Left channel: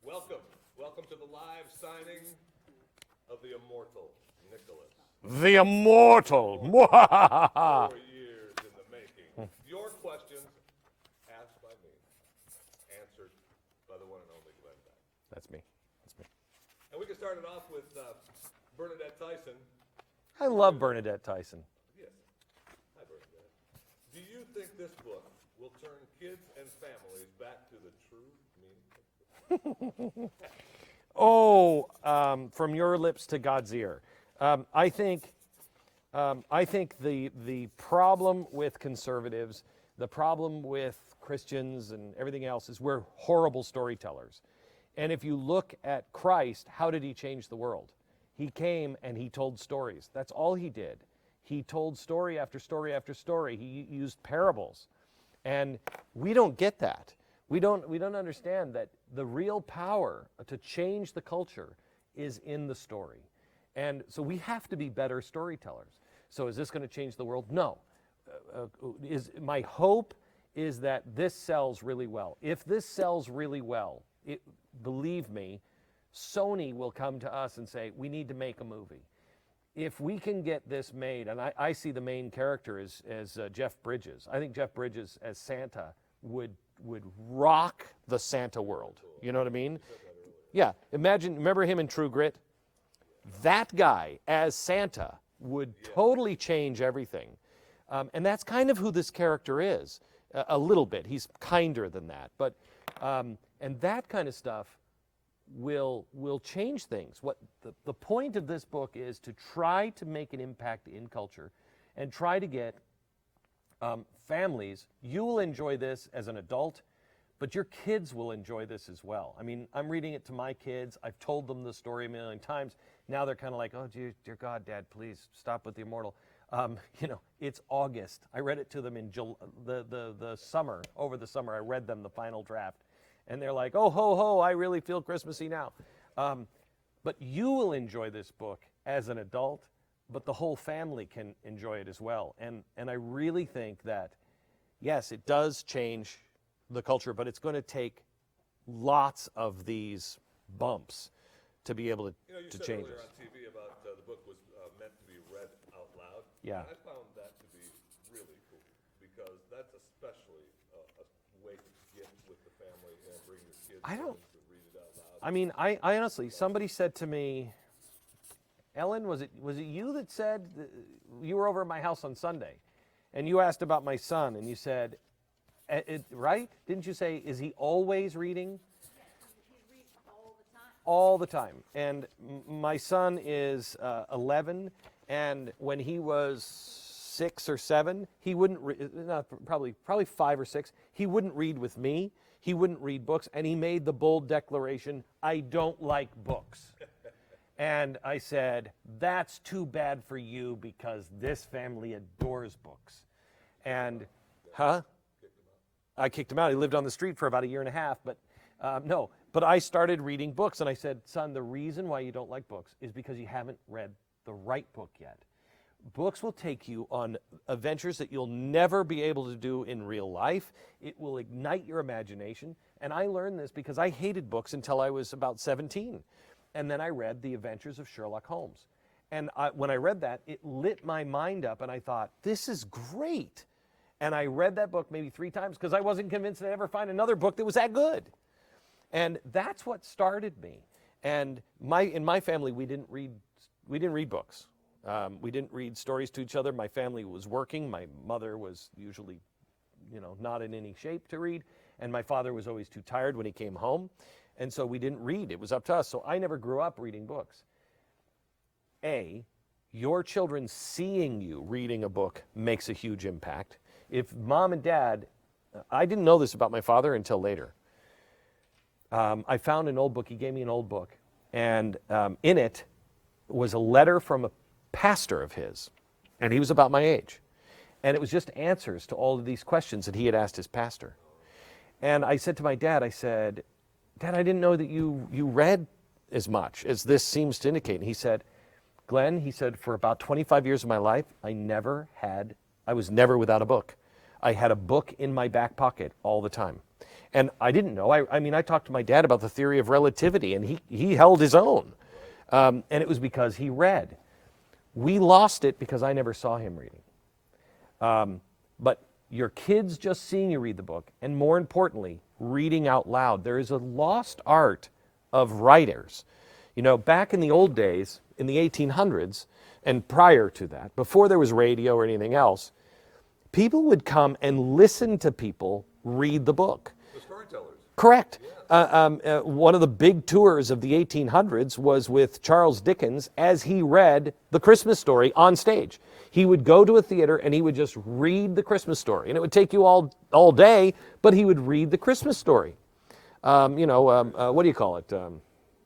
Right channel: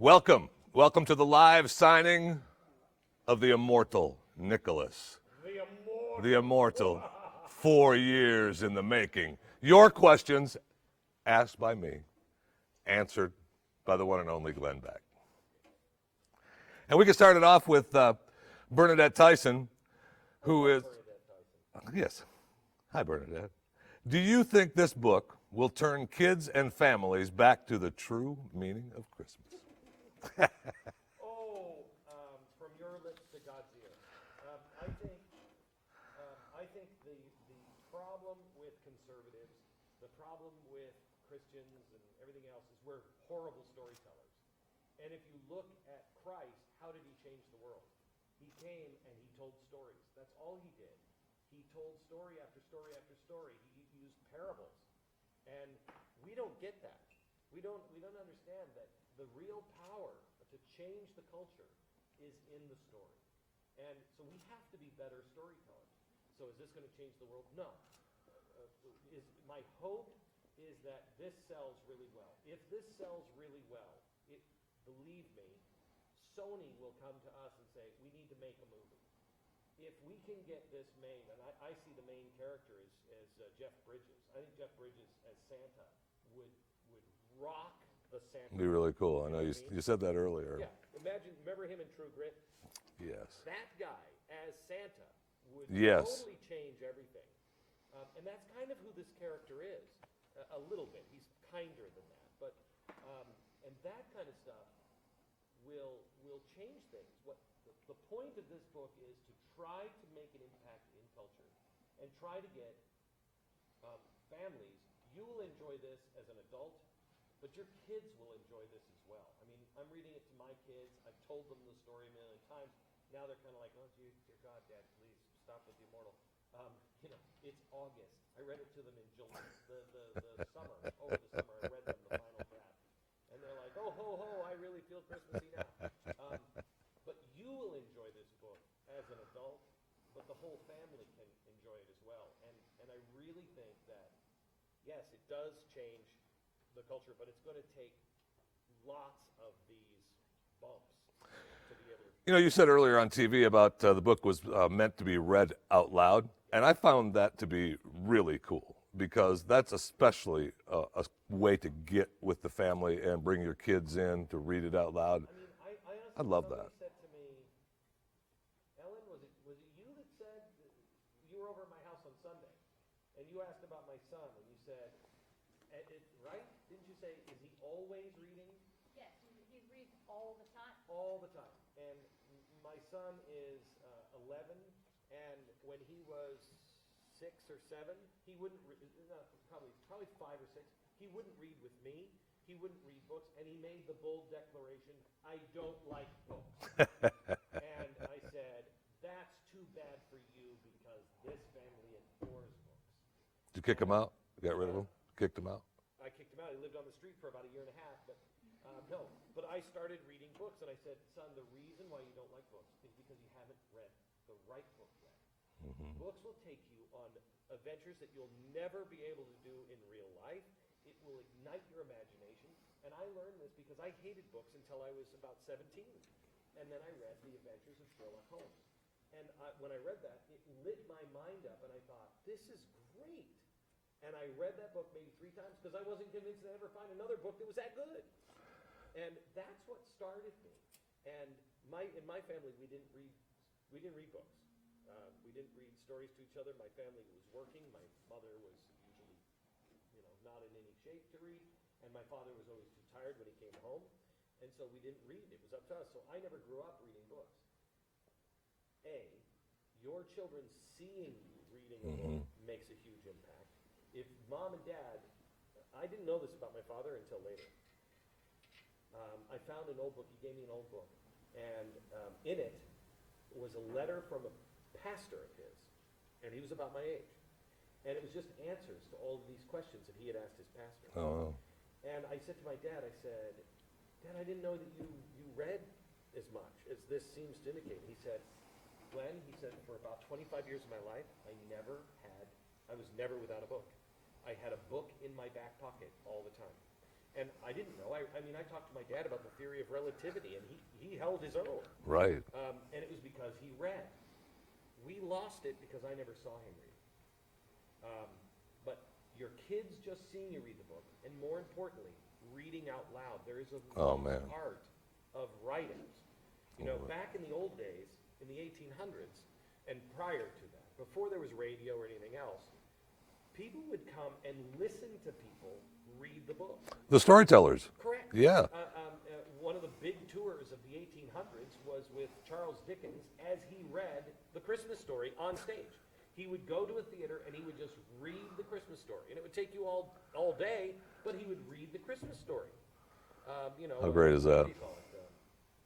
Welcome to the live signing of the Immortal Nicholas. The Immortal. The Immortal. 4 years in the making. Your questions, asked by me, answered by the one and only Glenn Beck. That's me. And we can start it off with Bernadette Tyson. I love Bernadette Tyson. Yes. Hi, Bernadette. Do you think this book will turn kids and families back to the true meaning of Christmas? From your lips to God's ear. I think the problem with conservatives, the problem with Christians and everything else is we're horrible storytellers. And if you look at Christ, how did he change the world? He came and he told stories. That's all he did. He told story after story after story. He used parables. And we don't get that. We don't understand that the real power to change the culture is in the story. And so we have to be better storytellers. So is this going to change the world? No. My hope is that this sells really well. If this sells really well, believe me, Sony will come to us and say, we need to make a movie. If we can get this made, and I see the main character as Jeff Bridges. I think Jeff Bridges as Santa would rock the Santa world. Really cool. You know what I mean? You said that earlier. Yeah. Remember him in True Grit? Yes. That guy as Santa would totally change everything. And that's kind of who this character is, a little bit. He's kinder than that. But and that kind of stuff will change things. What the point of this book is to try to make an impact in culture and try to get families. You will enjoy this as an adult, but your kids will enjoy this as well. I mean, I'm reading it to my kids. I've told them the story a million times. Now they're kind of like, oh, dear God, Dad, please stop with the Immortal. It's August. I read it to them in the summer. Over the summer, I read them the final draft. And they're like, oh, ho, ho, I really feel Christmassy now. But you will enjoy this book as an adult, but the whole family can enjoy it as well. And I really think that, yes, it does change the culture, but it's going to take lots of these bumps to be able to. You said earlier on TV about the book was meant to be read out loud, and I found that to be really cool. Because that's especially a way to get with the family and bring your kids in to read it out loud. I mean, I honestly, somebody said to me, Ellen, was it you that said, you were over at my house on Sunday, and you asked about my son, and you said, right? Didn't you say, is he always reading? Yes, he reads all the time. All the time. And my son is 11, and when he was 6 or 7, he wouldn't probably 5 or 6. He wouldn't read with me. He wouldn't read books, and he made the bold declaration, "I don't like books." And I said, "That's too bad for you because this family adores books." Did you kick him out? Got rid of him? Kicked him out? I kicked him out. He lived on the street for about a year and a half, but no. But I started reading books, and I said, "Son, the reason why you don't like books is because you haven't read the right book yet." Books will take you on adventures that you'll never be able to do in real life. It will ignite your imagination. And I learned this because I hated books until I was about 17. And then I read The Adventures of Sherlock Holmes. And when I read that, it lit my mind up, and I thought, this is great. And I read that book maybe 3 times because I wasn't convinced I'd ever find another book that was that good. And that's what started me. And in my family, we didn't read books. We didn't read stories to each other. My family was working. My mother was usually, not in any shape to read. And my father was always too tired when he came home. And so we didn't read. It was up to us. So I never grew up reading books. Your children seeing you reading a book makes a huge impact. If mom and dad, I didn't know this about my father until later. I found an old book. He gave me an old book. And in it was a letter from a pastor of his, and he was about my age, and it was just answers to all of these questions that he had asked his pastor. And I said to my dad, I said, "Dad, I didn't know that you read as much as this seems to indicate." And he said, "Glenn," he said, "for about 25 years of my life, I was never without a book. I had a book in my back pocket all the time." And I didn't know. I mean, I talked to my dad about the theory of relativity, and he held his own. Right. And it was because he read. We lost it because I never saw him reading. But your kids just seeing you read the book, and more importantly, reading out loud. There is a lost art of writers. You know, back in the old days, in the 1800s, and prior to that, before there was radio or anything else, people would come and listen to people read the book. The storytellers. Correct. Yeah. One of the big tours of the 1800s was with Charles Dickens as he read The Christmas Story on stage. He would go to a theater and he would just read The Christmas Story. And it would take you all day, but he would read The Christmas Story. What do you call it?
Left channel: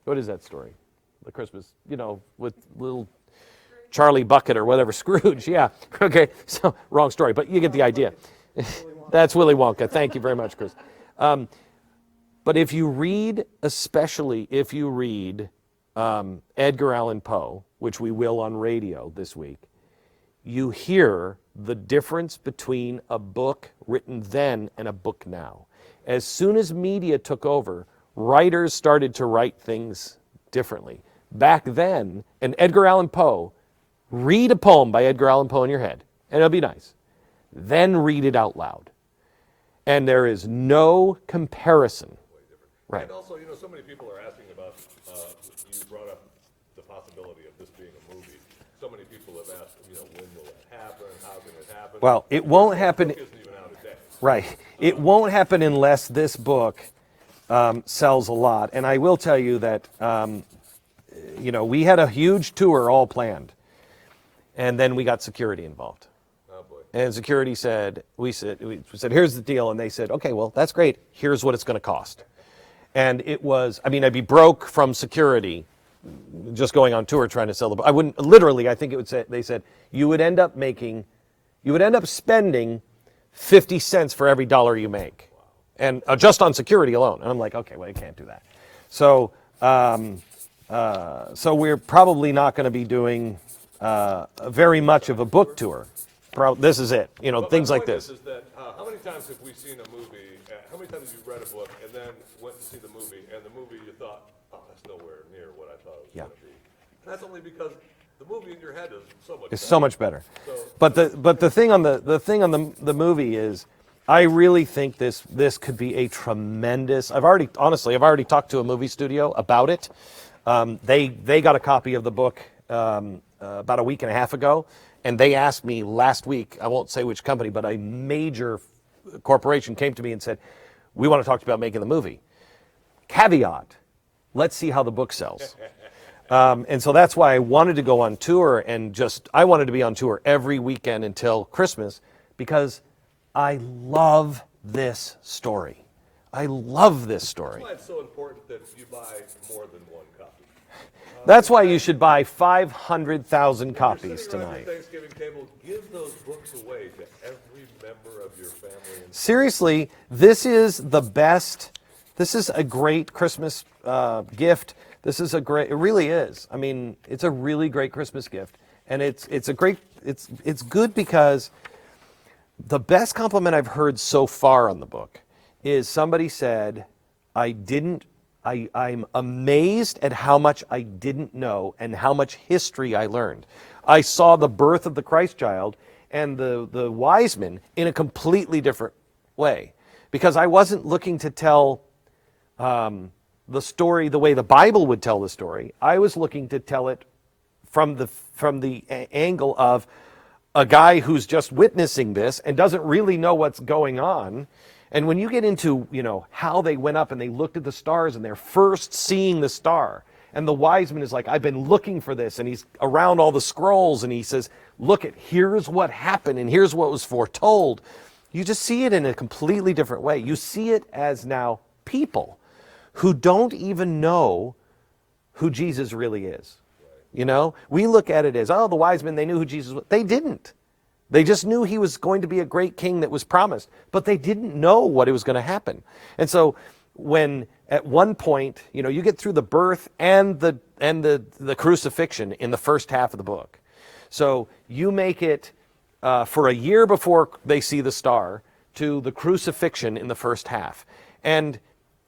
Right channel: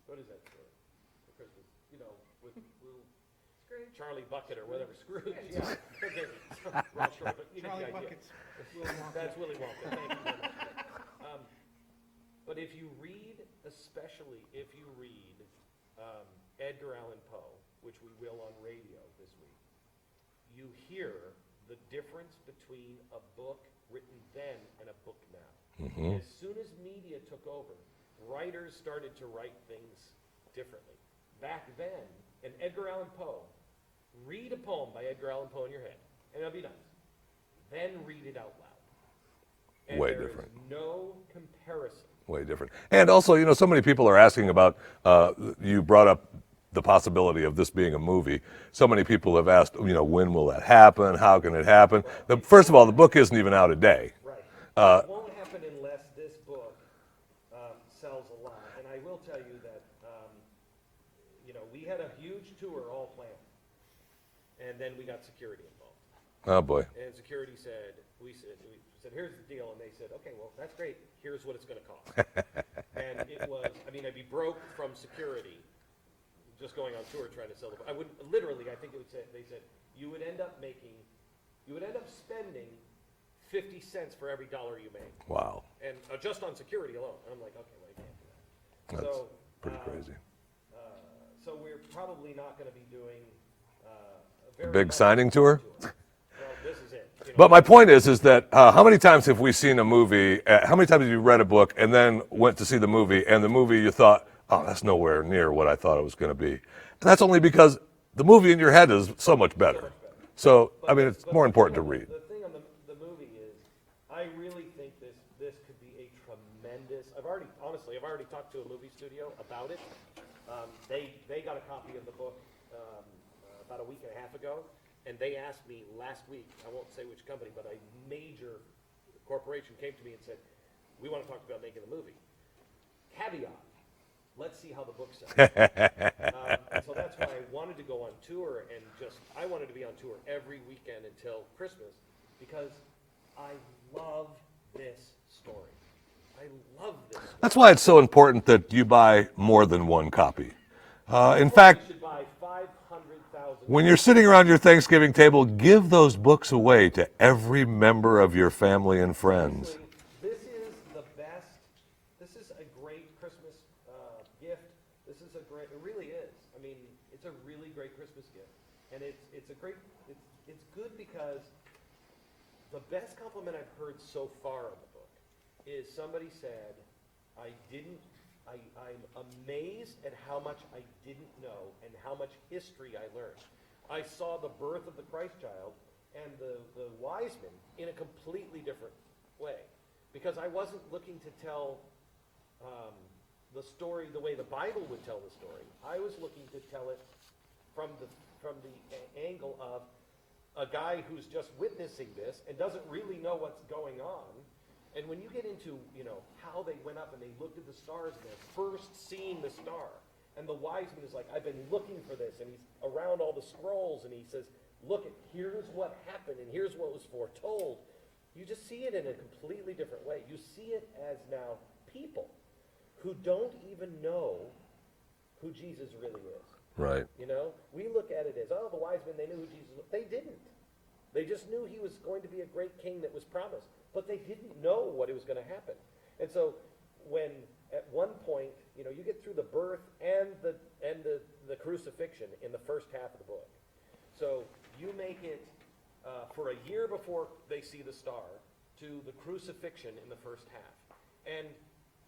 What is that story? The Christmas, with little Charlie Bucket or whatever, Scrooge, yeah. Okay, so wrong story, but you get the idea. That's Willy Wonka. Thank you very much, Chris. But if you read, especially if you read Edgar Allan Poe, which we will on radio this week, you hear the difference between a book written then and a book now. Mm-hmm. As soon as media took over, writers started to write things differently. Back then, and Edgar Allan Poe, read a poem by Edgar Allan Poe in your head, and it'll be nice. Then read it out loud. And there is no comparison. Way different. And also, so many people are asking about, you brought up the possibility of this being a movie. So many people have asked, when will that happen? How can it happen? Well, first of all, the book isn't even out a day. Right. It won't happen unless this book sells a lot. And I will tell you that, we had a huge tour all planned. And then we got security involved. Oh, boy. And security said, we said, here's the deal. And they said, okay, well, that's great. Here's what it's going to cost. And it was, I'd be broke from security just going on tour trying to sell the book. I wouldn't, literally, I think it would say, they said, you would end up spending 50 cents for every dollar you make. Wow. And just on security alone. And I'm like, okay, well, you can't do that. No. So we're probably not going to be doing very much of a book tour. This is it. But my point is that how many times have we seen a movie? How many times have you read a book and then went to see the movie, and the movie you thought, oh, that's nowhere near what I thought it was going to be, and that's only because the movie in your head is so much better. So much better. So, but the thing on the movie is, I really think this could be a tremendous. I've already talked to a movie studio about it. They got a copy of the book about a week and a half ago, and they asked me last week, I won't say which company, but a major corporation came to me and said, we want to talk to you about making the movie. Caveat, let's see how the book sells. And so that's why I wanted to go on tour, and I wanted to be on tour every weekend until Christmas, because I love this story. I love this story. That's why it's so important that you buy more than one copy. That's why you should buy 500,000 copies. When you're sitting around your Thanksgiving table, give those books away to every member of your family and friends. Seriously, this is the best. This is a great Christmas gift. It really is. It's a really great Christmas gift. And it's good because the best compliment I've heard so far on the book is somebody said, I'm amazed at how much I didn't know and how much history I learned. I saw the birth of the Christ child and the wise men in a completely different way, because I wasn't looking to tell the story the way the Bible would tell the story. I was looking to tell it from the angle of a guy who's just witnessing this and doesn't really know what's going on. And when you get into, how they went up and they looked at the stars and they're first seeing the star, and the wise man is like, I've been looking for this, and he's around all the scrolls and he says, here's what happened and here's what was foretold. You just see it in a completely different way. You see it as now people who don't even know who Jesus really is. Right. We look at it as, the wise men, they knew who Jesus was. They didn't. They just knew he was going to be a great king that was promised, but they didn't know what it was going to happen. And so when at one point, you get through the birth and the crucifixion in the first half of the book. So you make it for a year before they see the star to the crucifixion in the first half. And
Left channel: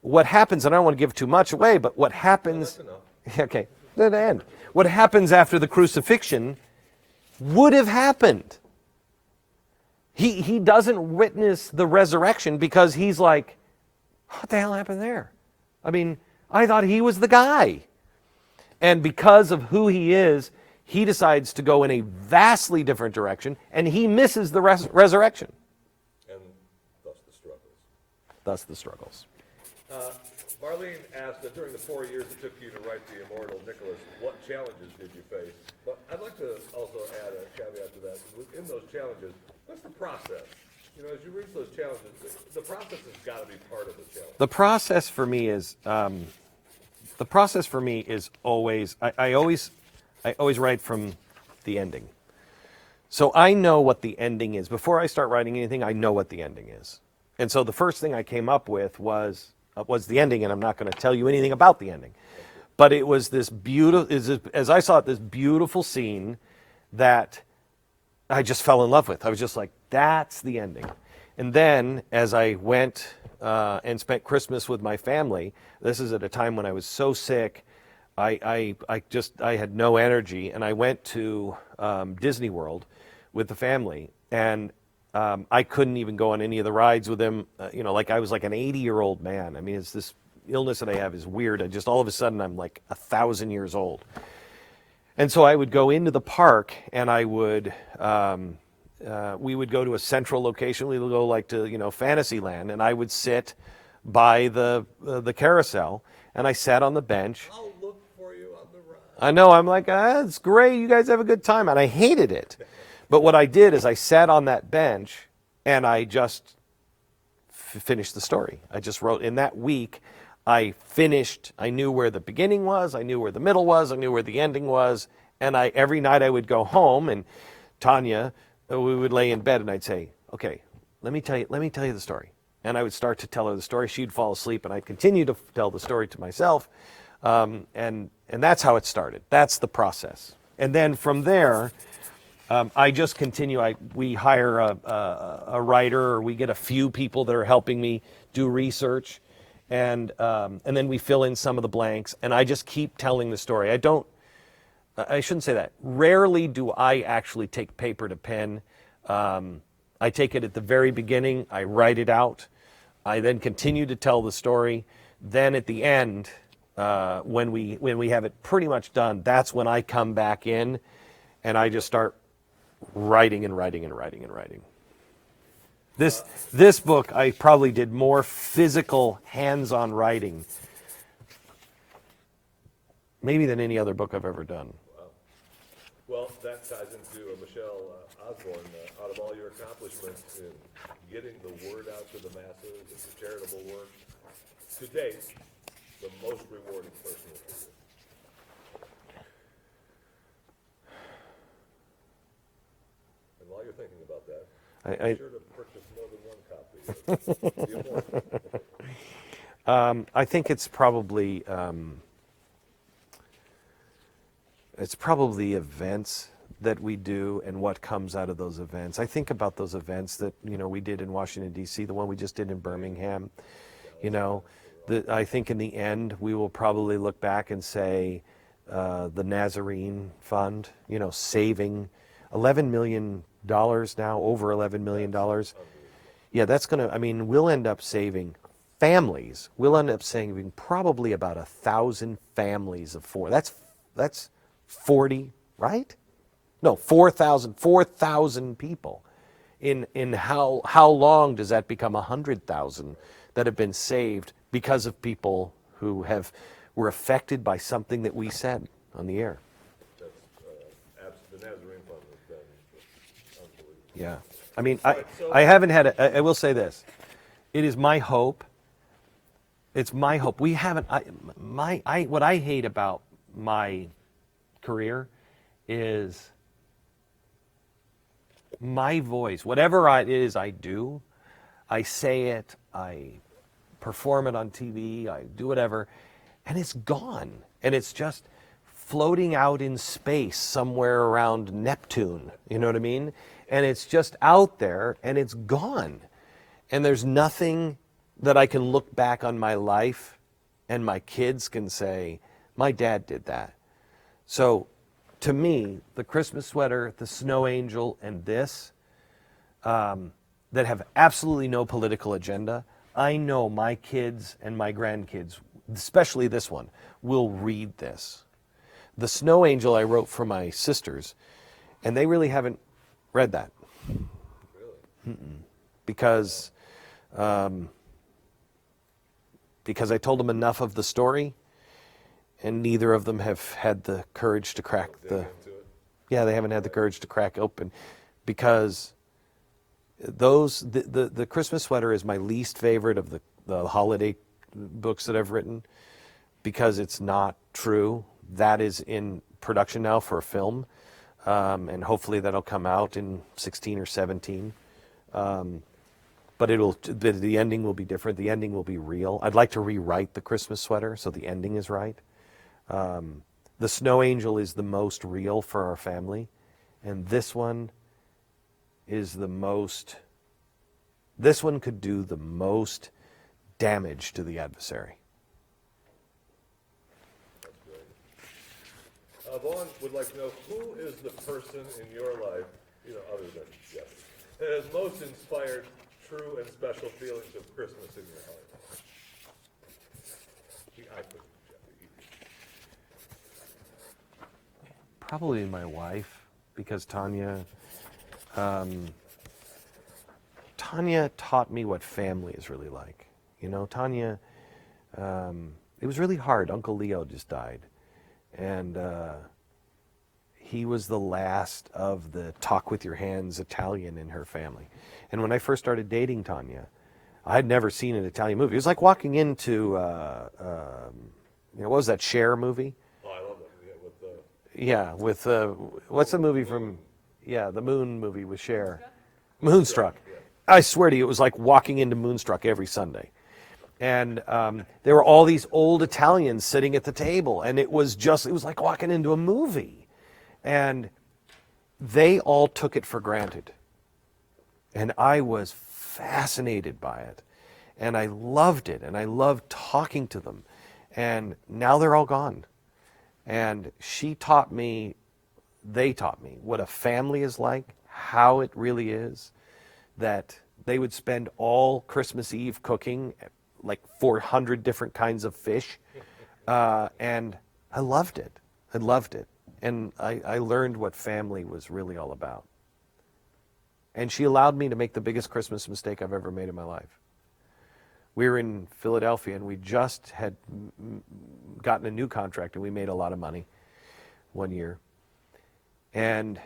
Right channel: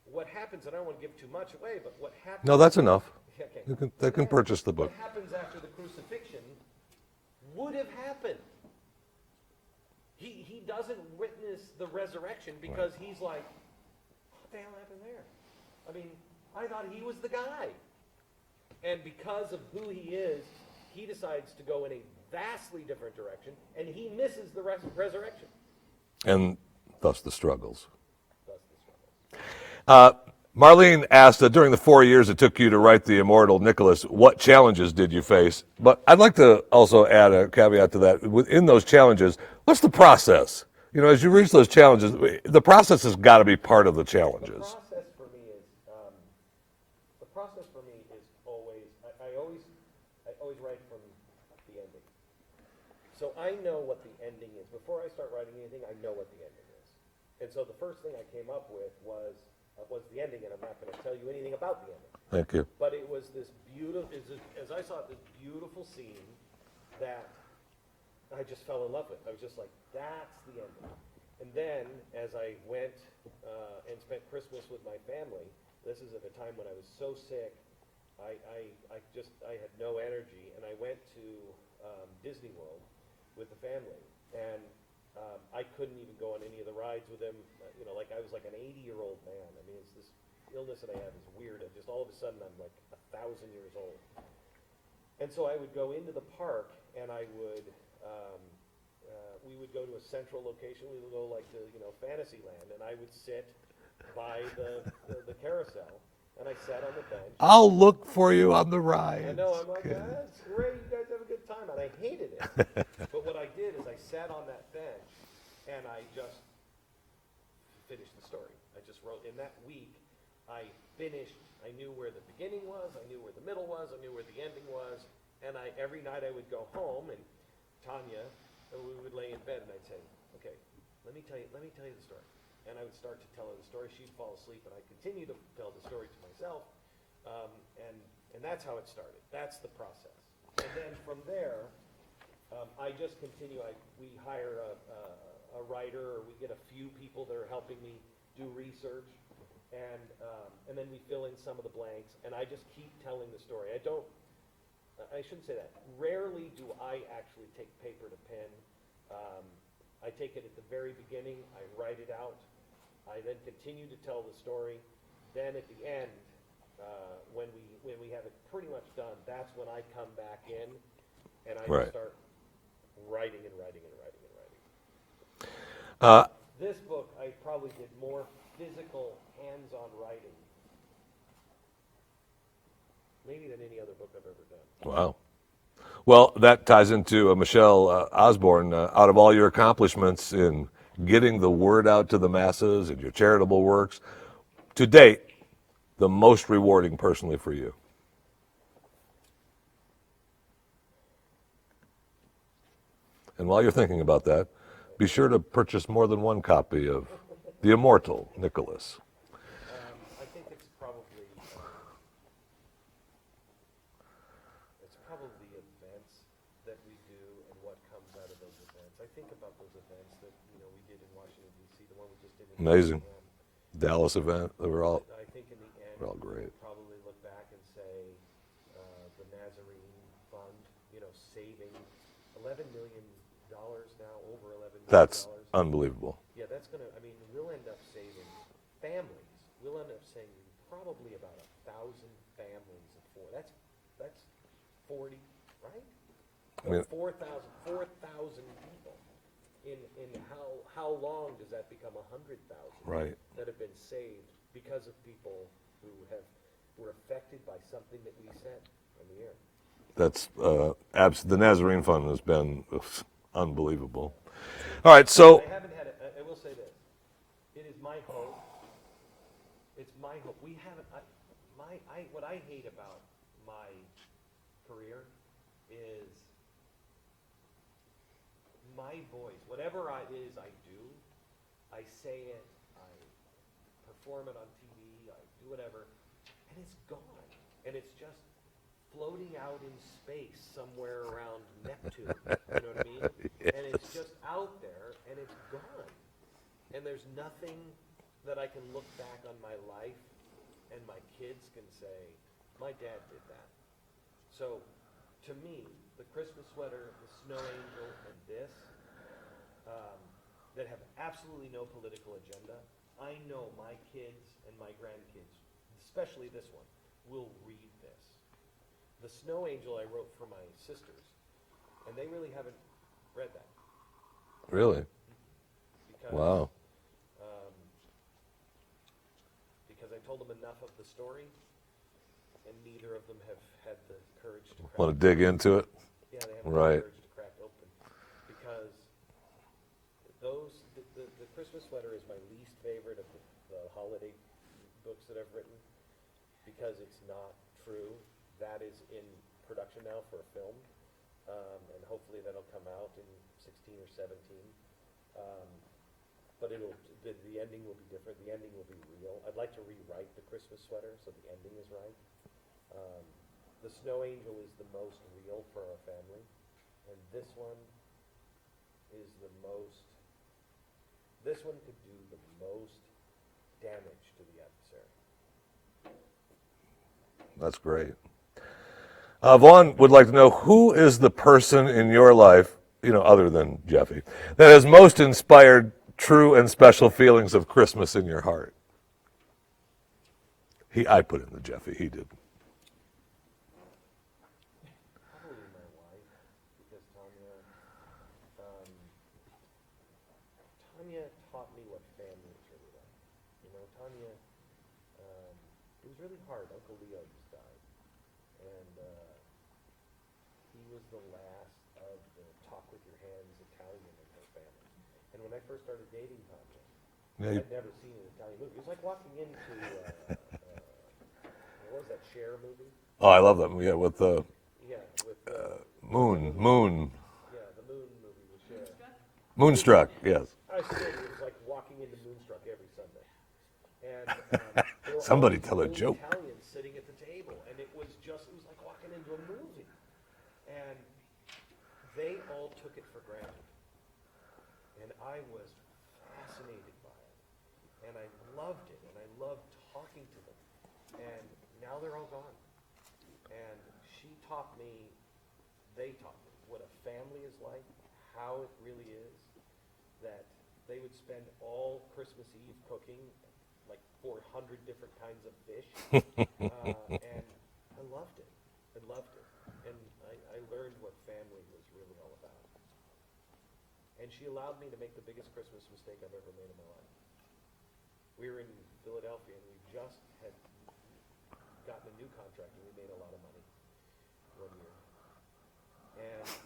what happens, and I don't want to give too much away, but what happens... No, that's enough. Okay. You can purchase the What book. happens after the crucifixion would have happened. He doesn't witness the resurrection because he's like, what the hell happened there? I mean, I thought he was the guy. And because of who he is, he decides to go in a vastly different direction, and he misses the resurrection. And thus the struggles. Thus the struggles. Marlene asked, during the 4 years it took you to write the Immortal Nicholas, what challenges did you face? But I'd like to also add a caveat to that. Within those challenges, what's the process? You know, as you reach those challenges, the process has got to be part of the challenge. The process for me is always, I always write from the ending. So I know what the ending is. Before I start writing anything, I know what the ending is. And so the first thing I came up with was the ending, and I'm not going to tell you anything about the ending. Thank you. But it was this beautiful, as I saw it, this beautiful scene that I just fell in love with. I was just like, that's the ending. And then as I went and spent Christmas with my family, this is at a time when I was so sick, I had no energy, and I went to Disney World with the family, and I couldn't even go on any of the rides with them. Like I was like an 80-year-old man. I mean, it's this illness that I have is weird. I just all of a sudden I'm like 1,000 years old. And so I would go into the park, and I would we would go to a central location. We would go like to Fantasyland, and I would sit by the carousel, and I sat on the bench. I'll look for you on the ride. I know. I'm like, it's great. You guys have a good time. And I hated it. But what I did is I sat on that bench, and I just finished the story. I just wrote. In that week, I finished. I knew where the beginning was. I knew where the middle was. I knew where the ending was. And every night I would go home, and Tanya, we would lay in bed, and I'd say, okay, let me tell you the story. And I would start to tell her the story. She'd fall asleep, and I'd continue to tell the story to myself. And that's how it started. That's the process. And then from there, I just continue. We hire a writer, or we get a few people that are helping me do research, and then we fill in some of the blanks. And I just keep telling the story. I shouldn't say that. Rarely do I actually take paper to pen. I take it at the very beginning. I write it out. I then continue to tell the story. Then at the end, when we have it pretty much done, that's when I come back in, and I just start writing and writing and writing and writing. This book, I probably did more physical, hands-on writing, maybe than any other book I've ever done. Wow. Well, that ties into Michelle Osborne. Out of all your accomplishments in getting the word out to the masses and your charitable works, to date, the most rewarding personally for you? And while you're thinking about that, be sure to purchase more than one copy of The Immortal Nicholas. I think it's probably events that we do and what comes out of those events. I think about those events that we did in Washington, D.C., the one we just did in Amazing. Birmingham. Dallas event. They were all... I think in the end we will probably look back and say the Nazarene Fund, saving $11 million now, over $11 million. That's unbelievable. Yeah, that's going to, we'll end up saving families. We'll end up saving probably about 1,000 families of four. That's 40, right? No, Yeah. 4,000 people. In how long does that become 100,000 Right. that have been saved because of people who were affected by something that we said on the air? That's the Nazarene Fund has been unbelievable. Yeah, all right. So I haven't had. I will say this: it is my hope. It's my hope. We haven't. What I hate about my career is my voice. Whatever it is I do, I say it, I perform it on TV, I do whatever, and it's gone. And it's just floating out in space somewhere around Neptune. You know what I mean? And it's just out there, and it's gone. And there's nothing that I can look back on my life and my kids can say, my dad did that. So to me, the Christmas sweater, the snow angel, and this, that have absolutely no political agenda, I know my kids and my grandkids, especially this one, will read this. The snow angel I wrote for my sisters, and they really haven't read that. Really? Because because I told them enough of the story, and neither of them have had the courage to crack. Want to dig into it? Yeah, they haven't had the courage to crack open, because the Christmas sweater is my least favorite of the holiday books that I've written, because it's not true. That is in production now for a film, and hopefully that'll come out in 16 or 17. But the ending will be different. The ending will be real. I'd like to rewrite the Christmas sweater so the ending is right. The snow angel is the most real for our family, and this one is the most. This one could do the most damage to the adversary. That's great. Vaughn would like to know, who is the person in your life, other than Jeffy, that has most inspired true and special feelings of Christmas in your heart? I put it in the Jeffy. He did. Probably my wife, because Tanya taught me what family is really like. Tanya, it was really hard. Uncle Leo just died. And he was the last of the talk with your hands Italian in her family. And when I first started dating Tanya, I'd never seen an Italian movie. It was like walking into, what was that Cher movie? Oh, I love that movie. Yeah, with the... Yeah, with, what's the movie? Moon. The Moon movie with Cher. Moonstruck, yes. I swear to you, it was like walking into Moonstruck every Sunday. And there were all these old Italians sitting at the table, and it was like walking into a movie. And they all took it for granted. And I was fascinated by it. And I loved it, and I loved talking to them. And now they're all gone. And they taught me what a family is like, how it really is, that they would spend all Christmas Eve cooking like 400 different kinds of fish. And I loved it. And I learned what family was really all about. And she allowed me to make the biggest Christmas mistake I've ever made in my life. We were in Philadelphia, and we just had gotten a new contract, and we made a lot of money one year. And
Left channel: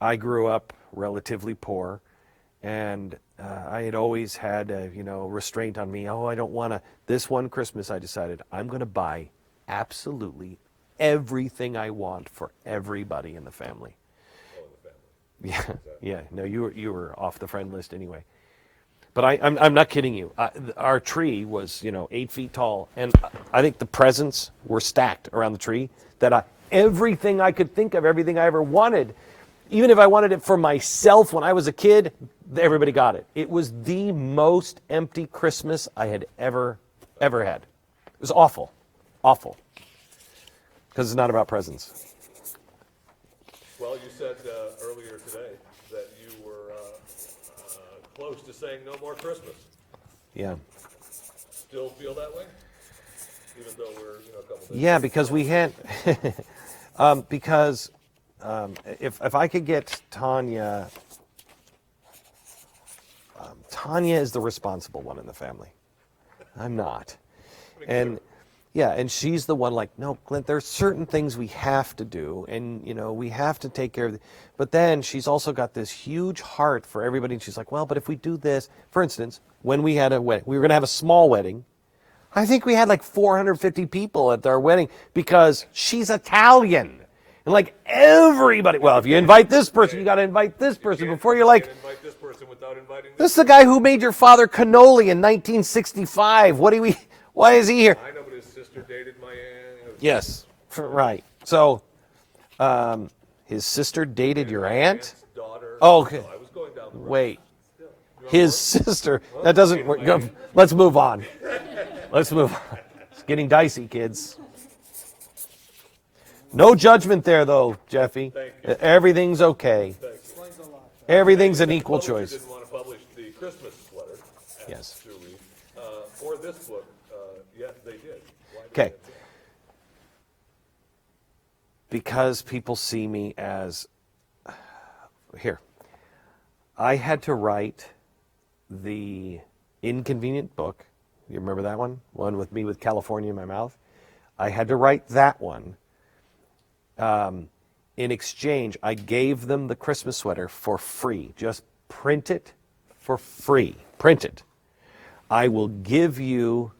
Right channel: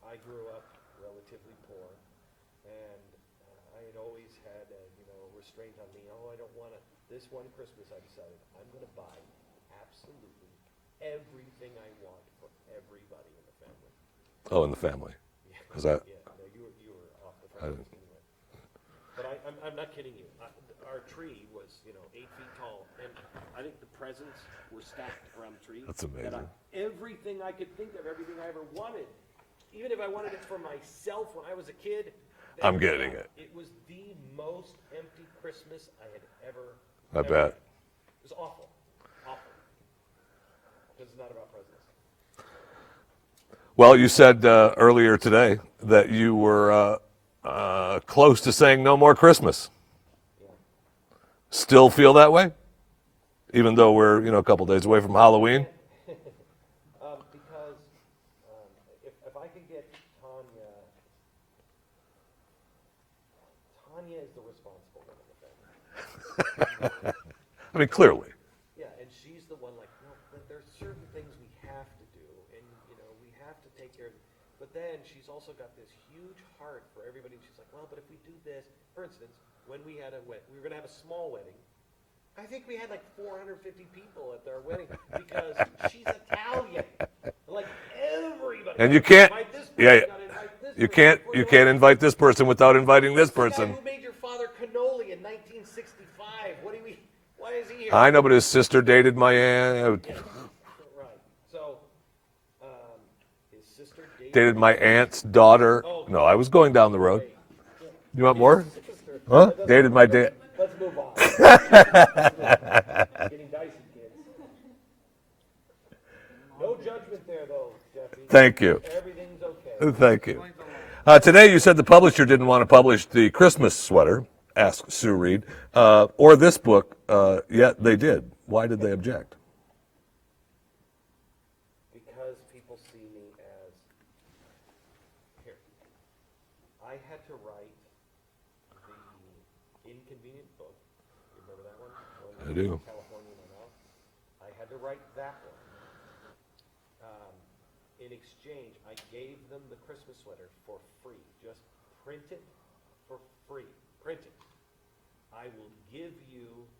I grew up relatively poor, and I had always had a restraint on me. I don't want to. This one Christmas, I decided I'm going to buy absolutely everything I want for everybody in the family. Oh, in the family. Yeah. Is that... Yeah. No, you were off the friend list anyway. But I'm not kidding you. Our tree was 8 feet tall, and I think the presents were stacked around the tree. That everything I could think of, everything I ever wanted, even if I wanted it for myself when I was a kid, everybody got it. It was the most empty Christmas I had ever had. It was awful, because it's not about presents. Well, you said earlier today that you were close to saying no more Christmas. Yeah. Still feel that way? Even though we're, a couple days away from Halloween? Because if I could get Tanya, Tanya is the responsible one in the family. I'm not. I mean, clearly. Yeah, and she's the one like, no, Clint, there's certain things we have to do, and, we have to take care of it. But then she's also got this huge heart for everybody, and she's like, well, but if we do this, for instance, when we had a wedding, we were going to have a small wedding. I think we had like 450 people at our wedding because she's Italian. And like everybody, well, if you invite this person, you got to invite this person. You can't invite this person without inviting this person. This is the guy who made your father cannoli in 1965. Why is he here? I know, but his sister dated my aunt. Yes, right. So, his sister dated your my aunt? aunt's daughter. Oh, okay. No, I was going down the road. Wait. You want his more? sister. Huh? That doesn't Dated work. my No, dad. let's move on. Let's move on. It's getting dicey, kids. No judgment there, though, Jeffy. Thank you. Everything's okay. Thank you. Today you Everything's an said the equal publisher choice. didn't want to publish the Christmas sweater, asked Sue Reed, or this book, yet they did. Why did Okay. they object? Because people see me as, here, I had to write the inconvenient book. You remember that one? One with me with California in my mouth. I had to write that one. In exchange, I gave them the Christmas sweater for free. Just print it for free. Print it. I will give you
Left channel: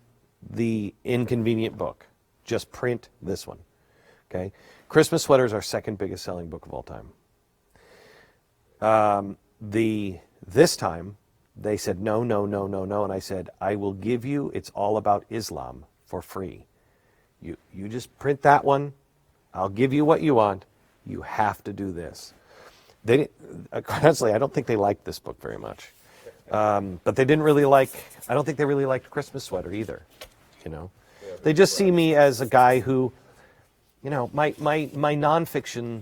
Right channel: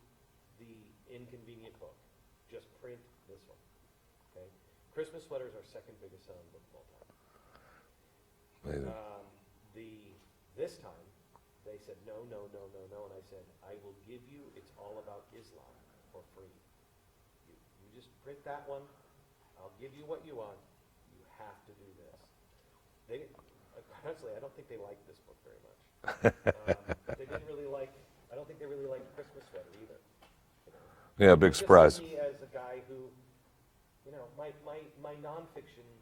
the inconvenient book. Just print this one. Okay? Christmas Sweater is our second biggest selling book of all time. This time, they said, no, no, no, no, no. And I said, I will give you It's All About Islam for free. You just print that one. I'll give you what you want. You have to do this. They didn't, honestly, I don't think they liked this book very much. But they didn't really like, I don't think they really liked Christmas Sweater either, you know. Yeah, big They just surprise. see me as a guy who, you know, my nonfiction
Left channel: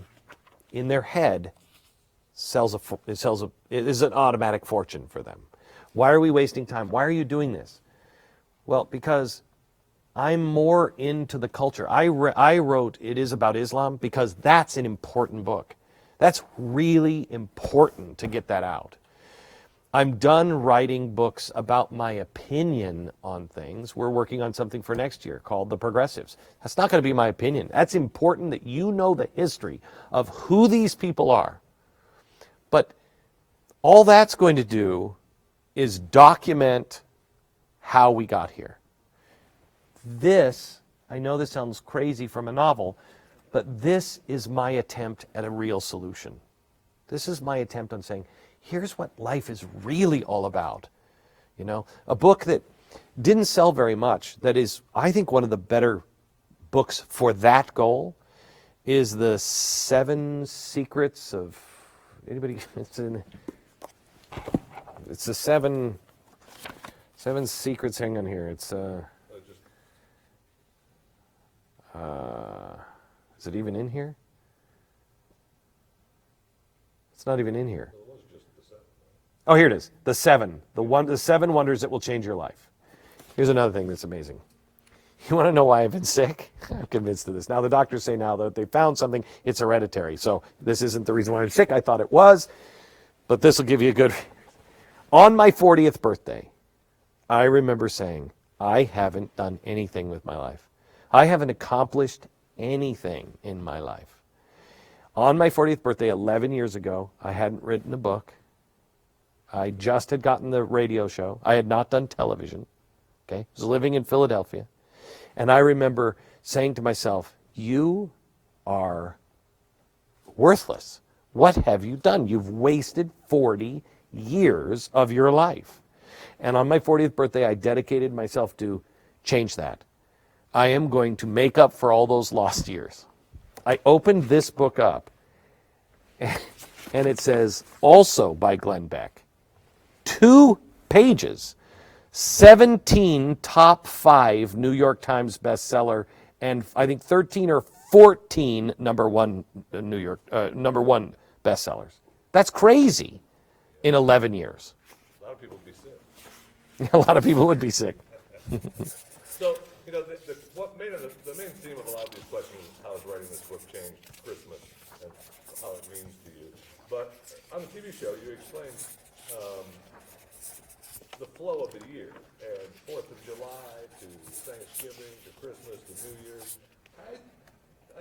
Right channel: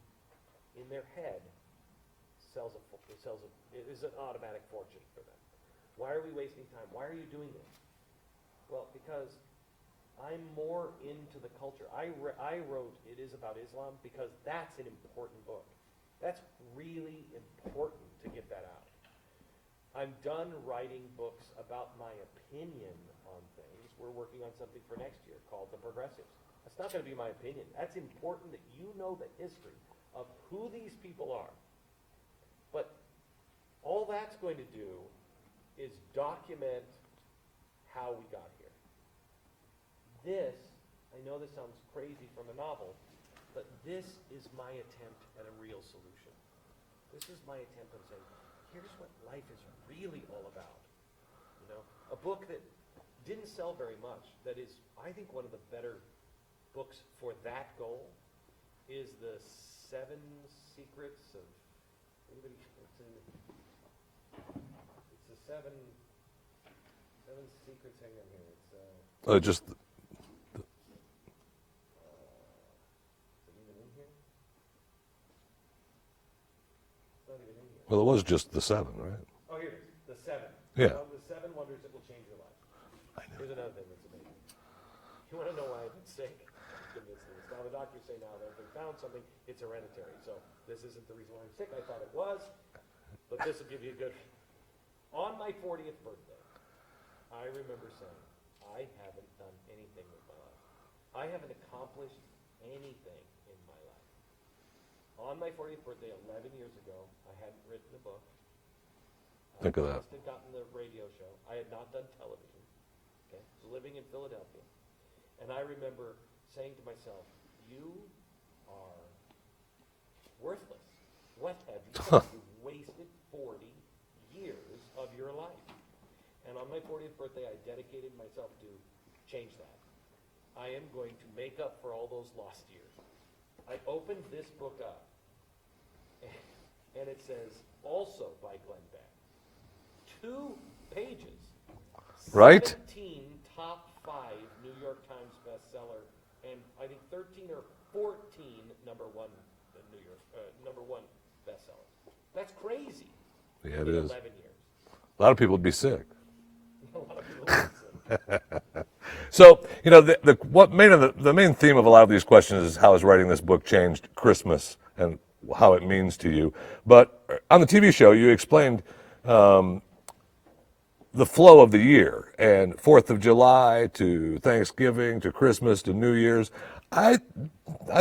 in their head it is an automatic fortune for them. Why are we wasting time? Why are you doing this? Well, because I'm more into the culture. I wrote It Is About Islam because that's an important book. That's really important to get that out. I'm done writing books about my opinion on things. We're working on something for next year called The Progressives. That's not going to be my opinion. That's important that you know the history of who these people are. But all that's going to do is document how we got here. This, I know this sounds crazy from a novel, but this is my attempt at a real solution. This is my attempt on saying, here's what life is really all about. You know, a book that didn't sell very much, that is, I think, one of the better books for that goal is The 7 Secrets of, anybody, it's the seven secrets, hang on here, it's, Just is it even in here? It's not even in here. well, it was just the 7, right? Oh, here it is. The 7. Yeah. The 7 wonders that will change your life. Here's another thing that's amazing. You want to know why I've been sick? I'm convinced of this. Now, the doctors say now that they found something, it's hereditary. So this isn't the reason why I'm sick. I thought it was. But this will give you a good... On my 40th birthday, I remember saying, I haven't done anything with my life. I haven't accomplished anything in my life. On my 40th birthday, 11 years ago, I hadn't written a book. I just had gotten the radio show. I had not done television. Okay? I was living in Philadelphia. And I remember saying to myself, you are worthless. What have you done? You've wasted 40 years of your life. And on my 40th birthday, I dedicated myself to change that. I am going to make up for all those lost years. I opened this book up, and it says, also by Glenn Beck. 2 pages, 17 top 5 New York Times bestseller, and I think 13 or 14 number one bestsellers. That's crazy in 11 years. A lot of people would be sick. A lot of people would be sick. So, you know, the main theme of a lot of these questions is how has writing this book changed Christmas and how it means to you. But on the TV show, you explained the flow of the year, and 4th of July to Thanksgiving to Christmas to New Year's. I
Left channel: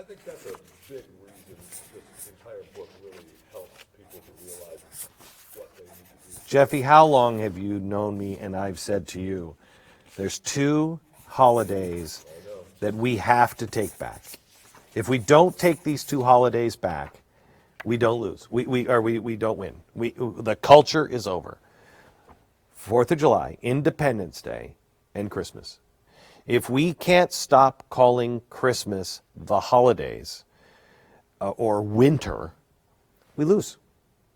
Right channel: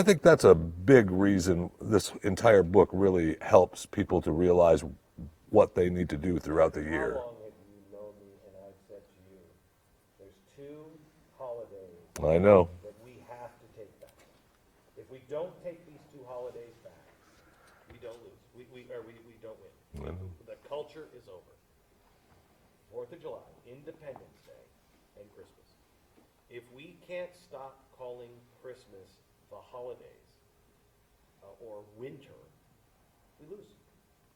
think that's a big reason this entire book really helps people to realize what they need to do throughout Jeffy, the how year. long have you known me and I've said to you, there's 2 holidays I know. that we have to take back. If we don't take these 2 holidays back, we don't lose. We don't win. The culture is over. 4th of July, Independence Day, and Christmas. If we can't stop calling Christmas the holidays or winter, we lose.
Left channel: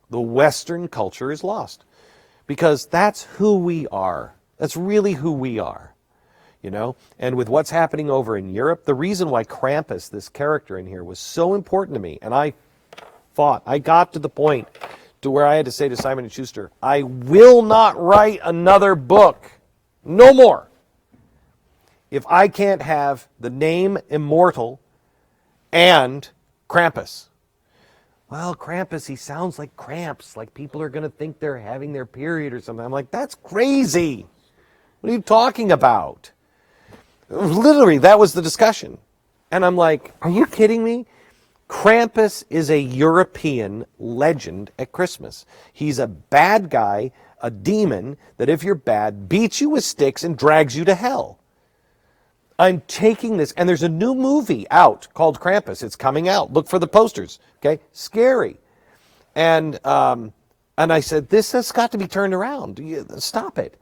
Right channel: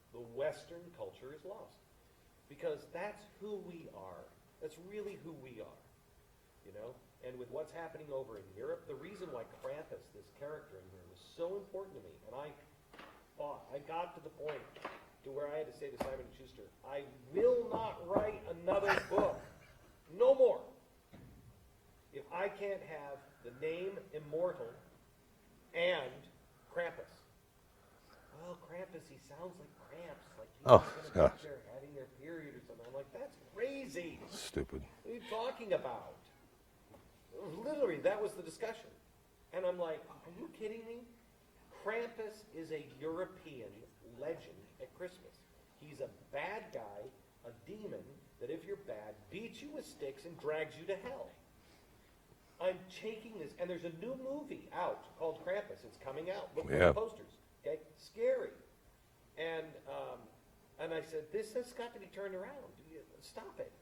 The Western culture is lost. because that's who we are. That's really who we are. You know, and with what's happening over in Europe, the reason why Krampus, this character in here, was so important to me, and I got to the point to where I had to say to Simon & Schuster, I will not write another book, no more, if I can't have the name Immortal and Krampus. Well, Krampus, he sounds like cramps, like people are going to think they're having their period or something. I'm like, that's crazy. Stupid. What are you talking about? Literally, that was the discussion. And I'm like, are you kidding me? Krampus is a European legend at Christmas. He's a bad guy, a demon, that if you're bad, beats you with sticks and drags you to hell. I'm taking this, and there's a new movie out called Krampus. It's coming out. Look for the posters, okay? Scary. And I said, this has got to be turned around. Stop it.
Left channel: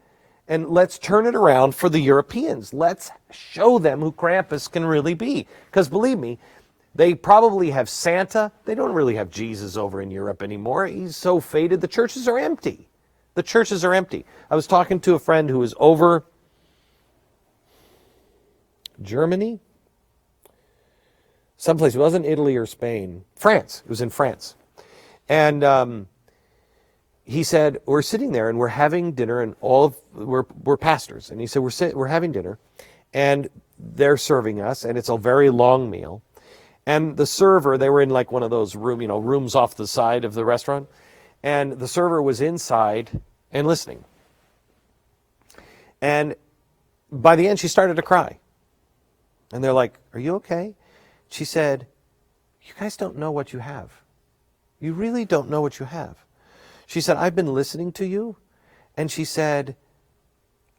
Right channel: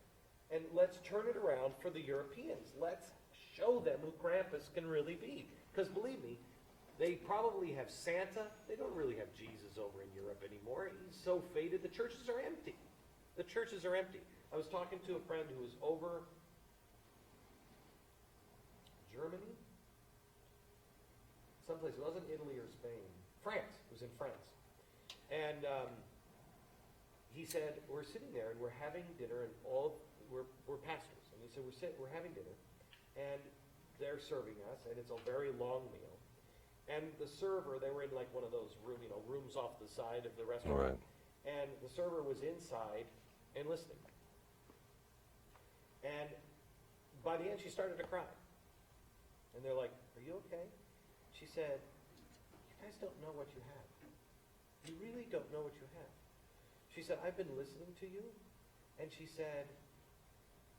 And let's turn it around for the Europeans. Let's show them who Krampus can really be. Because believe me, they probably have Santa. They don't really have Jesus over in Europe anymore. He's so faded. The churches are empty. The churches are empty. I was talking to a friend who was over Germany, someplace. It wasn't Italy or Spain. France. It was in France. And he said, we're sitting there and we're having dinner, and we're pastors. And he said, we're having dinner, and they're serving us, and it's a very long meal. And the server, they were in like one of those rooms off the side of the restaurant. Right. And the server was inside and listening. And by the end, she started to cry. And they're like, are you okay? She said, you guys don't know what you have. You really don't know what you have. She said, I've been listening to you. And she said,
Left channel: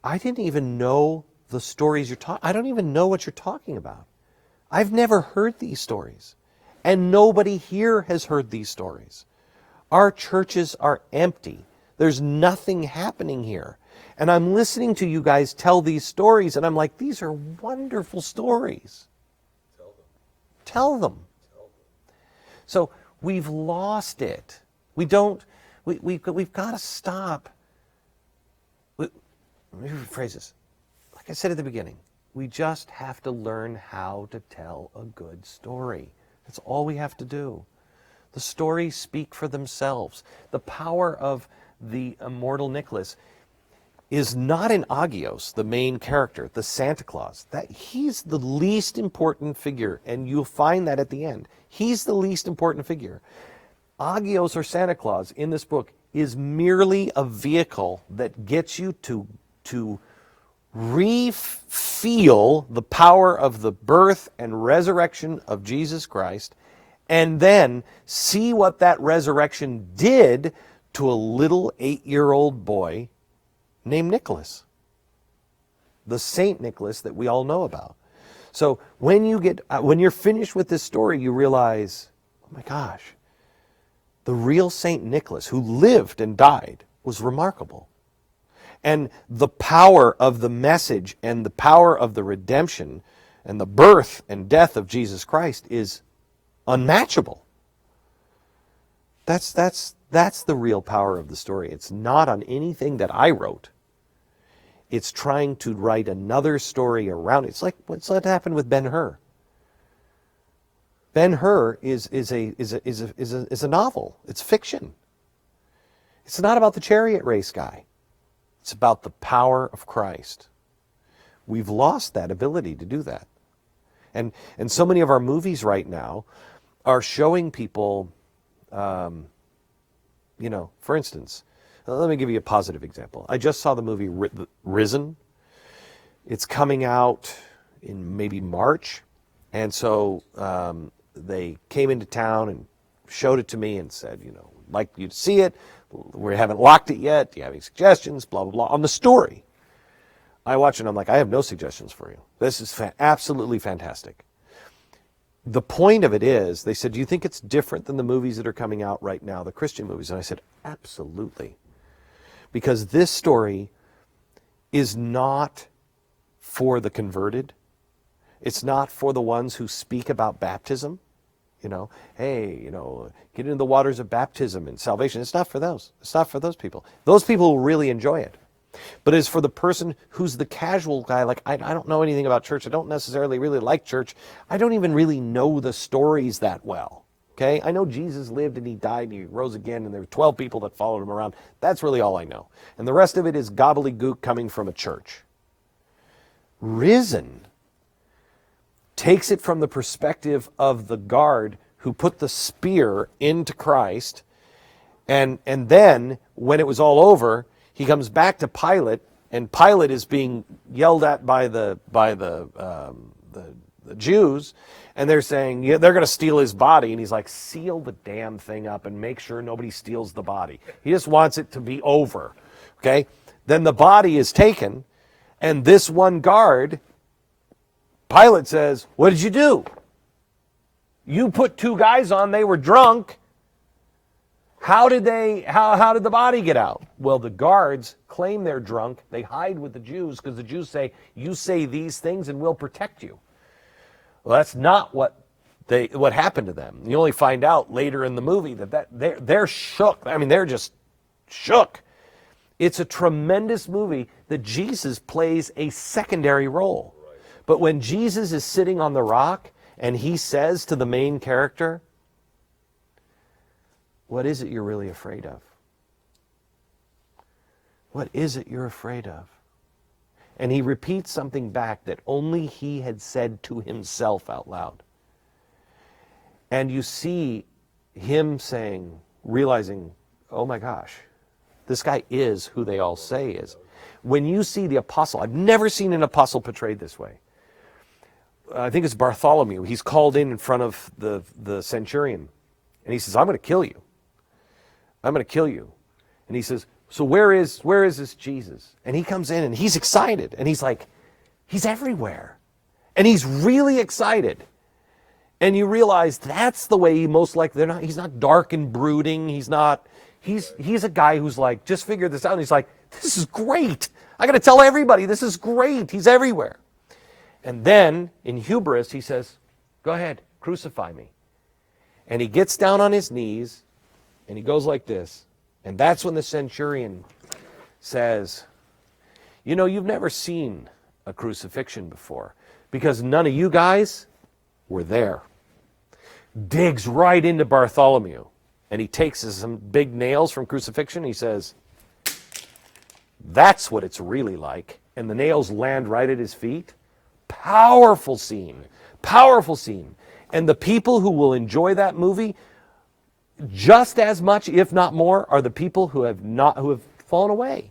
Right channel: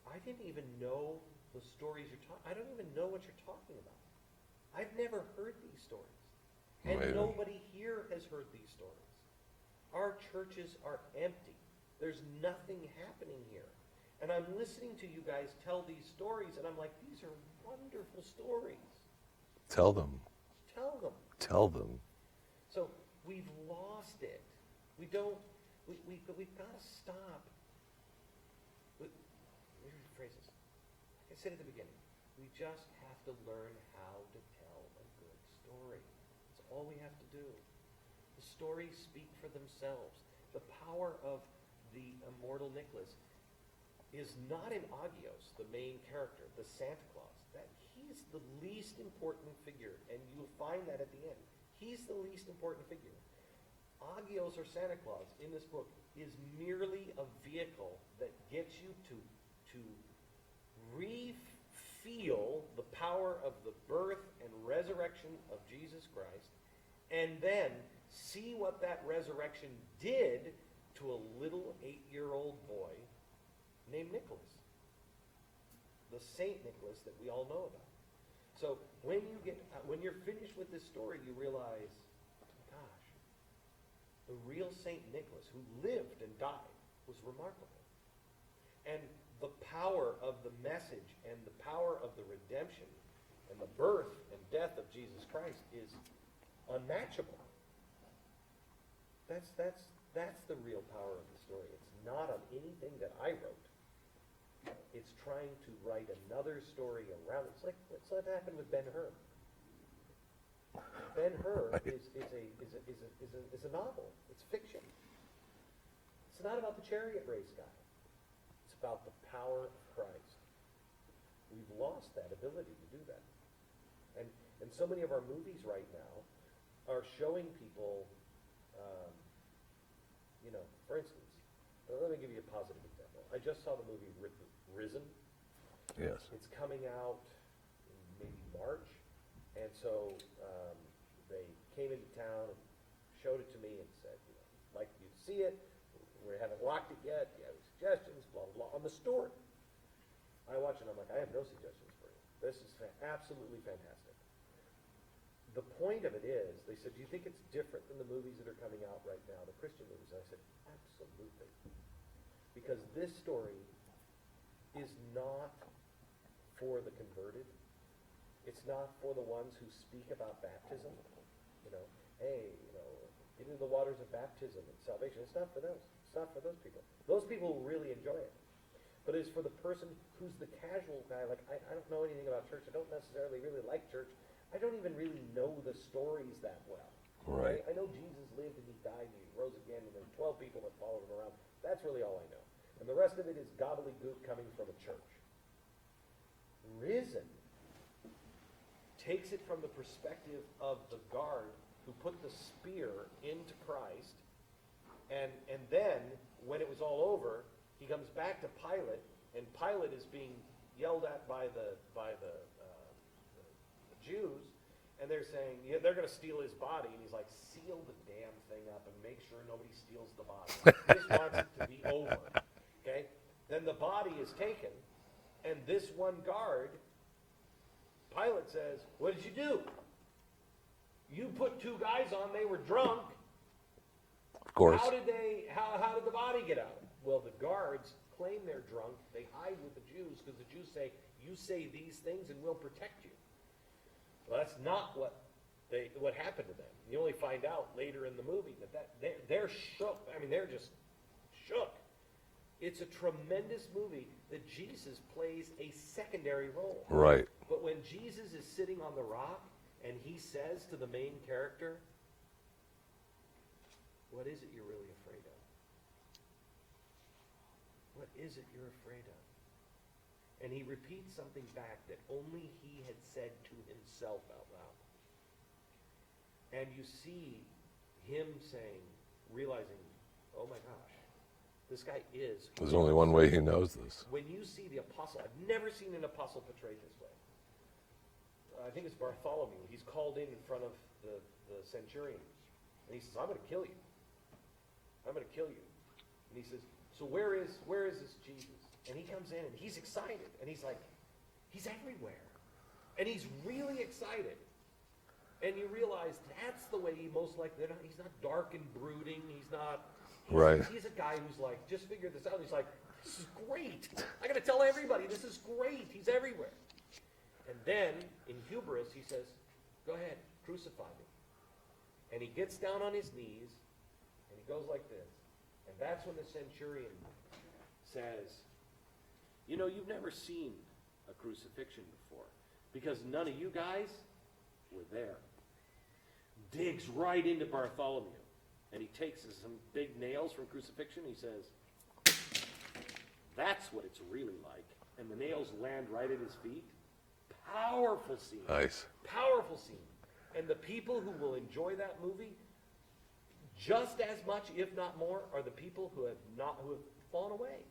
I didn't even know the stories you're talking. I don't even know what you're talking about. I've never heard these stories. And nobody here has heard these stories. Our churches are empty. There's nothing happening here. And I'm listening to you guys tell these stories, and I'm like, these are wonderful stories. Tell them. Tell them. Tell them. So we've lost it. We've got to stop. Let me rephrase this. Like I said at the beginning, we just have to learn how to tell a good story. That's all we have to do. The stories speak for themselves. The power of the Immortal Nicholas is not in Agios, the main character, the Santa Claus. That he's the least important figure, and you'll find that at the end. He's the least important figure. Agios, or Santa Claus, in this book is merely a vehicle that gets you to re-feel the power of the birth and resurrection of Jesus Christ, and then see what that resurrection did to a little 8-year-old boy named Nicholas, the Saint Nicholas that we all know about. So when you're finished with this story, you realize, oh my gosh, the real Saint Nicholas, who lived and died, was remarkable. And the power of the message and the power of the redemption and the birth and death of Jesus Christ is unmatchable. That's the real power of the story. It's not on anything that I wrote. It's trying to write another story around it. It's like what's happened with Ben-Hur. Ben-Hur is a novel. It's fiction. It's not about the chariot race guy. It's about the power of Christ. We've lost that ability to do that. And so many of our movies right now are showing people, for instance, let me give you a positive example. I just saw the movie Risen. Yes. It's coming out in maybe March. And so they came into town and showed it to me and said, like you to see it. We haven't locked it yet. Do you have any suggestions? Blah, blah, blah. On the story. I watch it and I'm like, I have no suggestions for you. This is absolutely fantastic. The point of it is, they said, do you think it's different than the movies that are coming out right now, the Christian movies? And I said, absolutely. Because this story is not for the converted. It's not for the ones who speak about baptism. Hey, get into the waters of baptism and salvation. It's not for those. It's not for those people. Those people will really enjoy it. But it's for the person who's the casual guy, like, I don't know anything about church. I don't necessarily really like church. I don't even really know the stories that well. Okay? I know Jesus lived and he died and he rose again and there were 12 people that followed him around. That's really all I know. And the rest of it is gobbledygook coming from a church. Risen takes it from the perspective of the guard who put the spear into Christ, and then when it was all over, he comes back to Pilate, and Pilate is being yelled at by the Jews, and they're saying, yeah, they're going to steal his body, and he's like, seal the damn thing up and make sure nobody steals the body. He just wants it to be over. Okay? Then the body is taken, and this one guard, Pilate says, what did you do? You put 2 guys on, they were drunk. How did the body get out? Well, the guards claim they're drunk. They hide with the Jews because the Jews say, you say these things and we'll protect you. Well, that's not what happened to them. You only find out later in the movie that they're shook. I mean, they're just shook. It's a tremendous movie that Jesus plays a secondary role. Right. But when Jesus is sitting on the rock and he says to the main character, what is it you're really afraid of? What is it you're afraid of? And he repeats something back that only he had said to himself out loud. And you see him saying, realizing, oh my gosh, this guy is who they all say he is. When you see the apostle, I've never seen an apostle portrayed this way. I think it's Bartholomew. He's called in front of the centurion. And he says, I'm going to kill you. I'm going to kill you. And he says, so where is this Jesus? And he comes in and he's excited. And he's like, he's everywhere. And he's really excited. And you realize that's the way he most likely, he's not dark and brooding. He's a guy who's like, just figured this out. And he's like, this is great. I got to tell everybody, this is great. He's everywhere. And then in hubris, he says, go ahead, crucify me. And he gets down on his knees and he goes like this. And that's when the centurion says, you've never seen a crucifixion before because none of you guys were there. Digs right into Bartholomew. And he takes some big nails from crucifixion. He says, that's what it's really like. And the nails land right at his feet. Powerful scene. Nice. Powerful scene. And the people who will enjoy that movie just as much, if not more, are the people who have fallen away.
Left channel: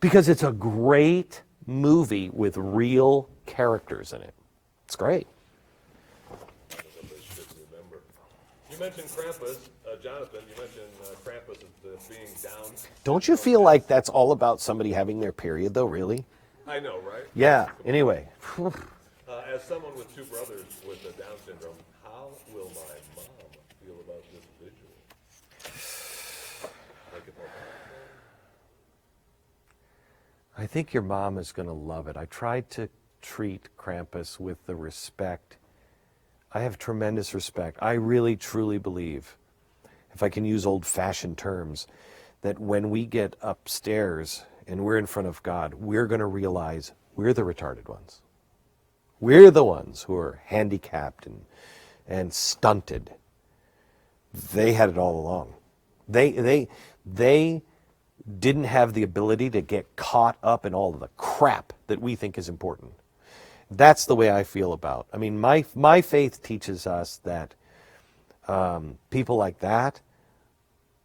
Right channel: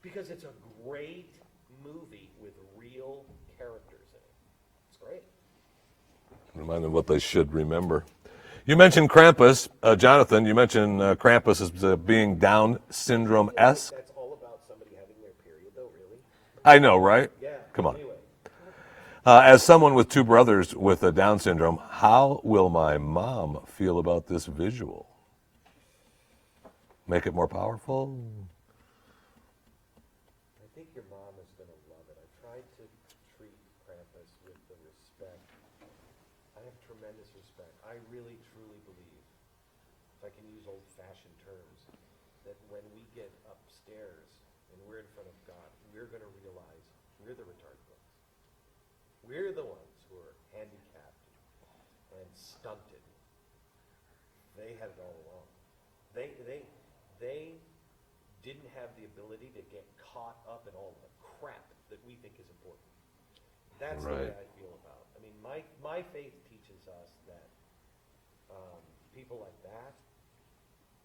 Because it's a great movie with real characters in it. It's great. Remind them what they should remember. You mentioned Krampus, Jonathan. You mentioned Krampus as being Down syndrome. Don't you feel like that's all about somebody having their period, though? Really? I know, right? Yeah. Come on. Anyway. As someone with 2 brothers with a Down syndrome, how will my mom feel about this visual? Make it more powerful? I think your mom is going to love it. I tried to treat Krampus with the respect. I have tremendous respect. I really, truly believe, if I can use old-fashioned terms, that when we get upstairs and we're in front of God, we're going to realize we're the retarded ones. We're the ones who are handicapped and stunted. They had it all along. They didn't have the ability to get caught up in all of the crap that we think is important. That's the way I feel about. I mean, my faith teaches us that people like that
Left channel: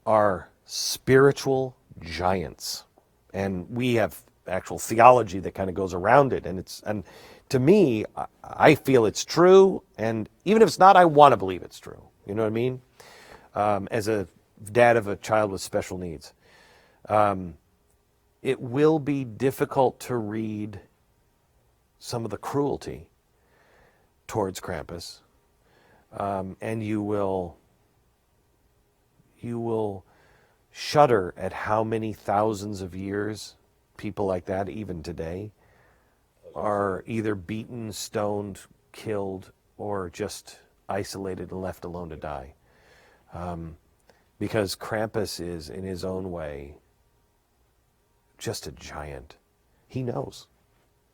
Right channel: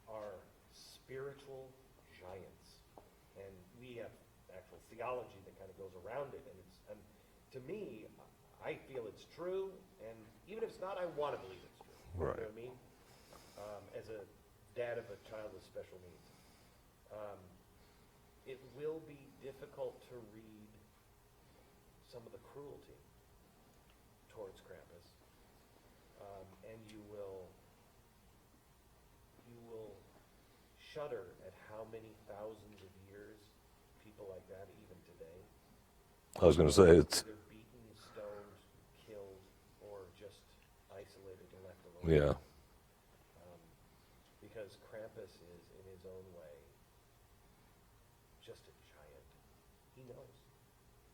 are spiritual giants, and we have actual theology that kind of goes around it. And to me, I feel it's true, and even if it's not, I want to believe it's true. Right. You know what I mean? As a dad of a child with special needs, it will be difficult to read some of the cruelty towards Krampus, and you will shudder at how many thousands of years people like that, even today, I was going to are say either beaten, stoned, killed, or just isolated and left alone to Yeah. die. Because Krampus is, in his own way, just a giant. He knows.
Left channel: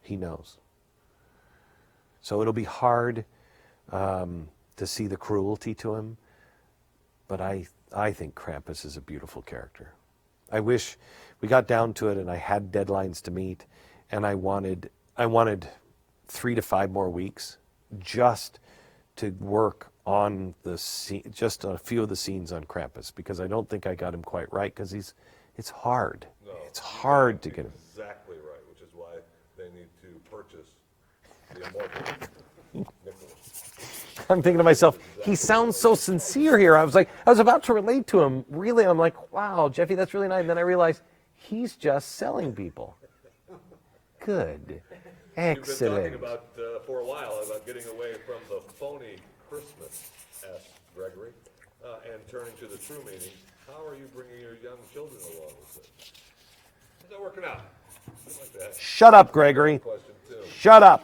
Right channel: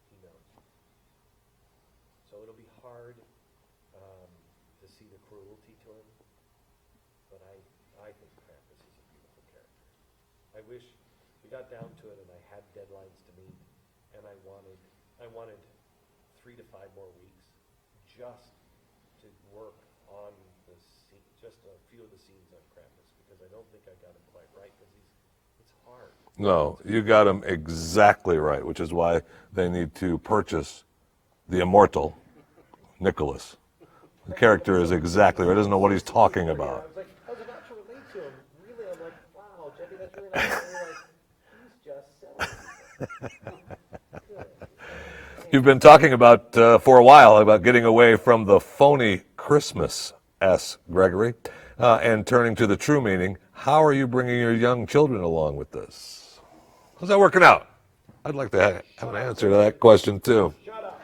He knows. So it'll be hard to see the cruelty to him, but I think Krampus is a beautiful character. I wish we got down to it and I had deadlines to meet, and I wanted 3 to 5 more weeks just to work on just a few of the scenes on Krampus, because I don't think I got him quite right, because it's hard. No, It's you got hard him to get exactly right, which is why they need to purchase the Immortal Nicholas. I'm thinking to Character is myself, exactly, he doesn't sounds know so what he's talking sincere here. about. I was about to relate to him. Really, I'm like, wow, Jeffy, that's really nice. And I realized he's just selling people. Good. You've been Excellent. talking about, for a while, about getting away from the phony Christmas, asks Gregory, and turning to the true meaning. How are you bringing your young children along with this? How's that working out? I'd like to Shut up, answer Gregory. that question, too. Shut up.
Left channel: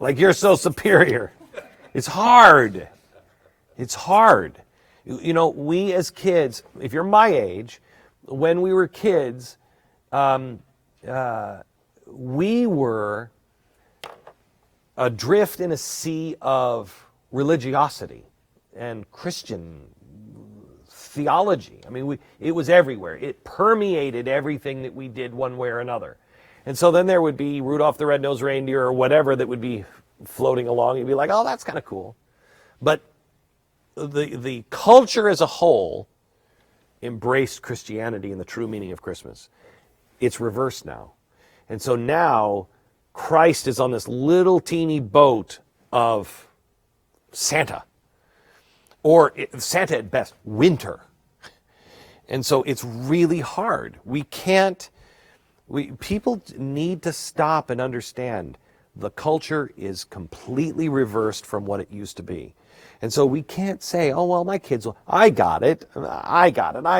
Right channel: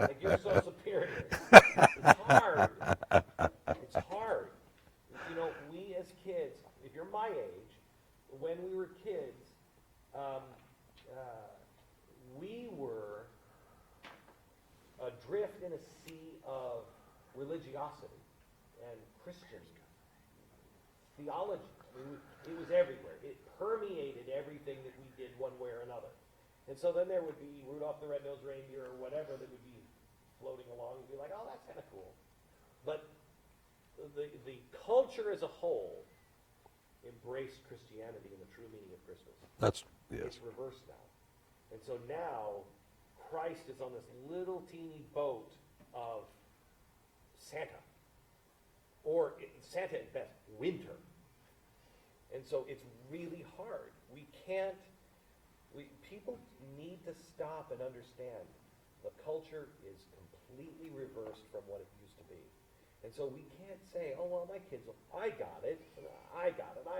Like you're so superior. It's hard. It's hard. You know, we as kids, if you're my age, when we were kids, we were adrift in a sea of religiosity and Christian theology. I mean, it was everywhere. It permeated everything that we did one way or another. And so then there would be Rudolph the Red-Nosed Reindeer or whatever that would be floating along. You'd be like, oh, that's kind of cool. But the culture as a whole embraced Christianity in the true meaning of Christmas. It's reversed now. And so now Christ is on this little teeny boat of Santa. Or Santa at best, winter. And so it's really hard. People need to stop and understand the culture is completely reversed from what it used to be. And so we can't say, oh, well, my kids, I got it, I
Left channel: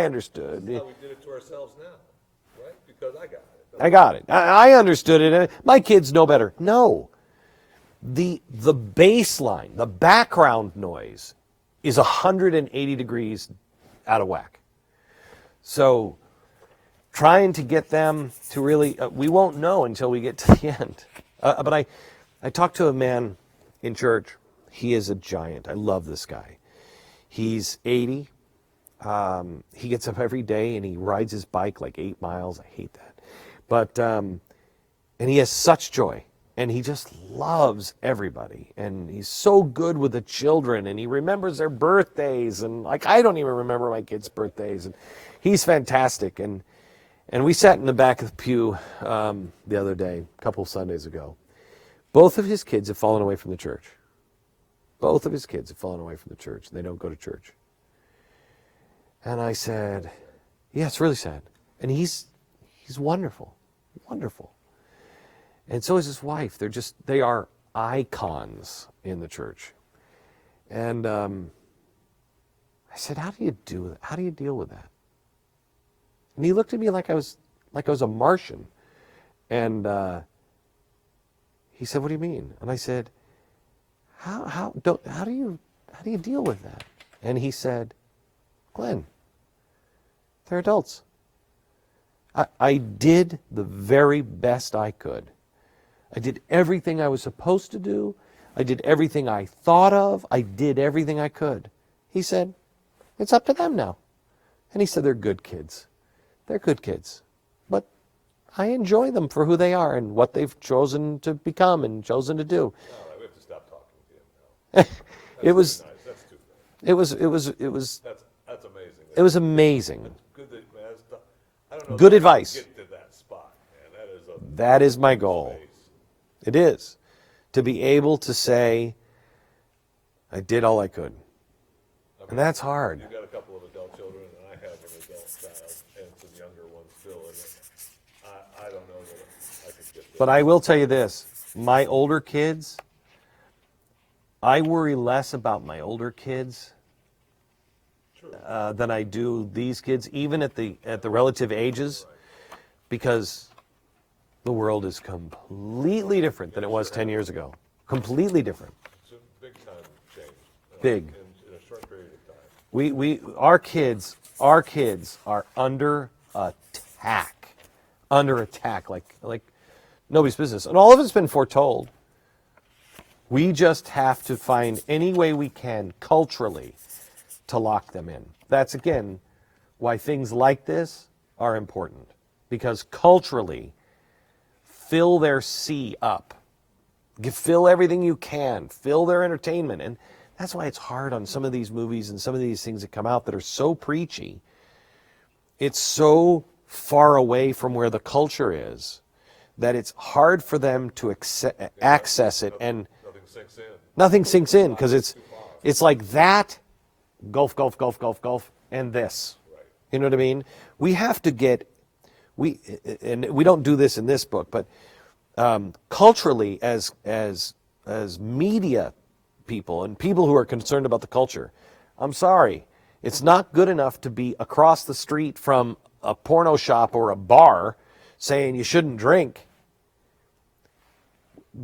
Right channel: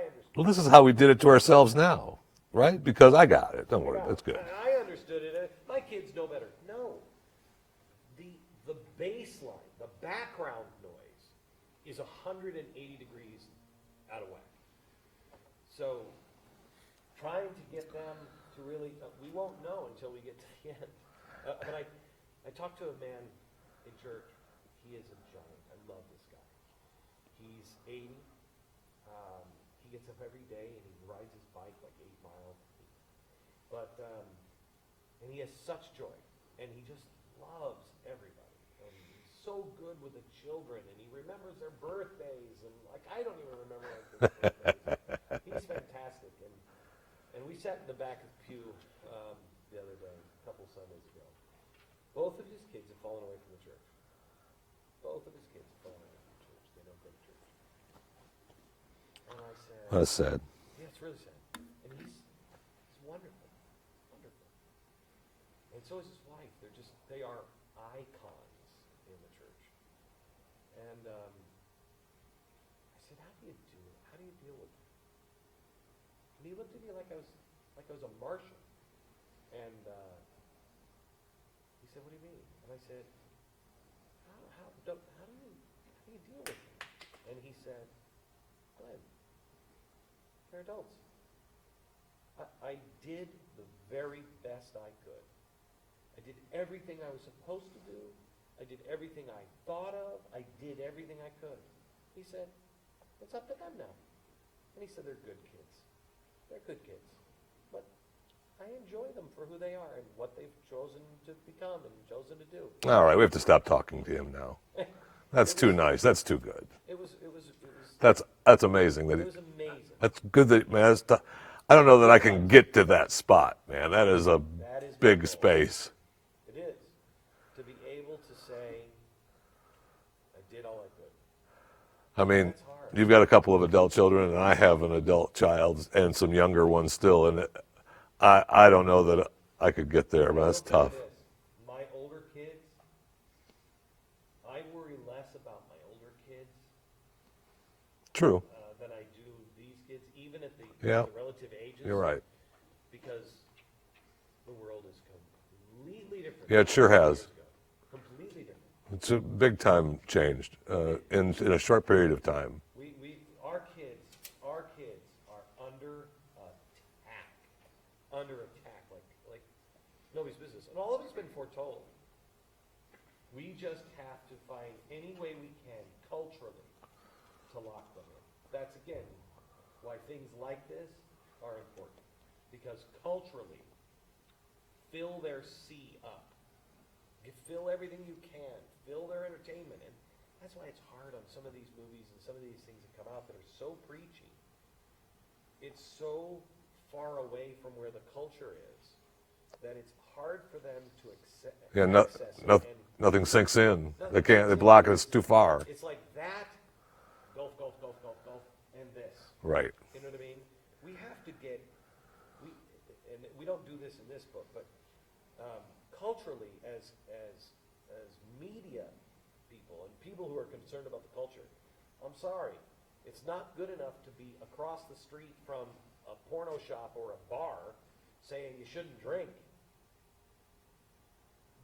understood Well, this it. is how we did it to ourselves now, right? Because I got it. I got it. I understood it. My kids know better. No. The baseline, the background noise is 180 degrees out of whack. So trying to get them to really, we won't know until we get to the end. But I talked to a man in church. He is a giant. I love this guy. He's 80. He gets up every day and he rides his bike like 8 miles. I hate that. But, and he has such joy. And he just loves everybody. And he's so good with the children. And he remembers their birthdays. And like, I don't even remember my kids' birthdays. He's fantastic. And we sat in the back of the pew the other day, a couple of Sundays ago. Both of his kids have fallen away from the church. Both of his kids have fallen away from the church. They don't go to church. And I said... That's sad. Yeah, it's really sad. And he's wonderful. Wonderful. And so is his wife. They are icons in the church. And I said, how do you deal with that? And he looked at me like I was a Martian. And he said, what do you mean? And I said, how do you deal with that? And he said, Glenn, they're adults. I did the very best I could. I did everything I was supposed to do. I did everything I thought of. I did everything I could. He said, it's up to them now. And he said, they're good kids. They're good kids. But I enjoy them for who they are and what they've chosen to become and chosen to do. All right, we have to stop talking to him now. That's too nice. That's too good. It was. That's amazing. It was amazing. That's good that, man. I don't know Good that advice. I can get to that spot, man. That is my big goal. Space. It is. To be able to say, I did all I could. I mean, that's hard. You've got a couple of adult children, and I have an adult child and some younger ones still, and I don't know that I could get there. But I will tell you tough. this. My older kids, I worry less about my older kids True. than I do these kids, even at the relative ages. You're right. Because the world is completely different than it it sure was 10 has. years ago. completely different. It's a big time changed. Big. In a short period of time. Our kids are under attack, like nobody's business. And all of it's been foretold. We just have to find any way we can culturally to lock them in. That's, again, why things like this are important. Because culturally, fill their sea up. Fill everything you can. Fill their entertainment. And that's why it's hard on some of these movies and some of these things that come out that are so preachy. It's so far away from where the culture is that it's hard for them to access it. And nothing sinks in. nothing sinks in because it's too far. It's like that, golf, and this. Right. You know what I mean? We have to get, and we don't do this in this book, but culturally, as media people and people who are concerned about the culture, I'm sorry, it's not good enough to be across the street from a porno shop or a bar saying you shouldn't drink.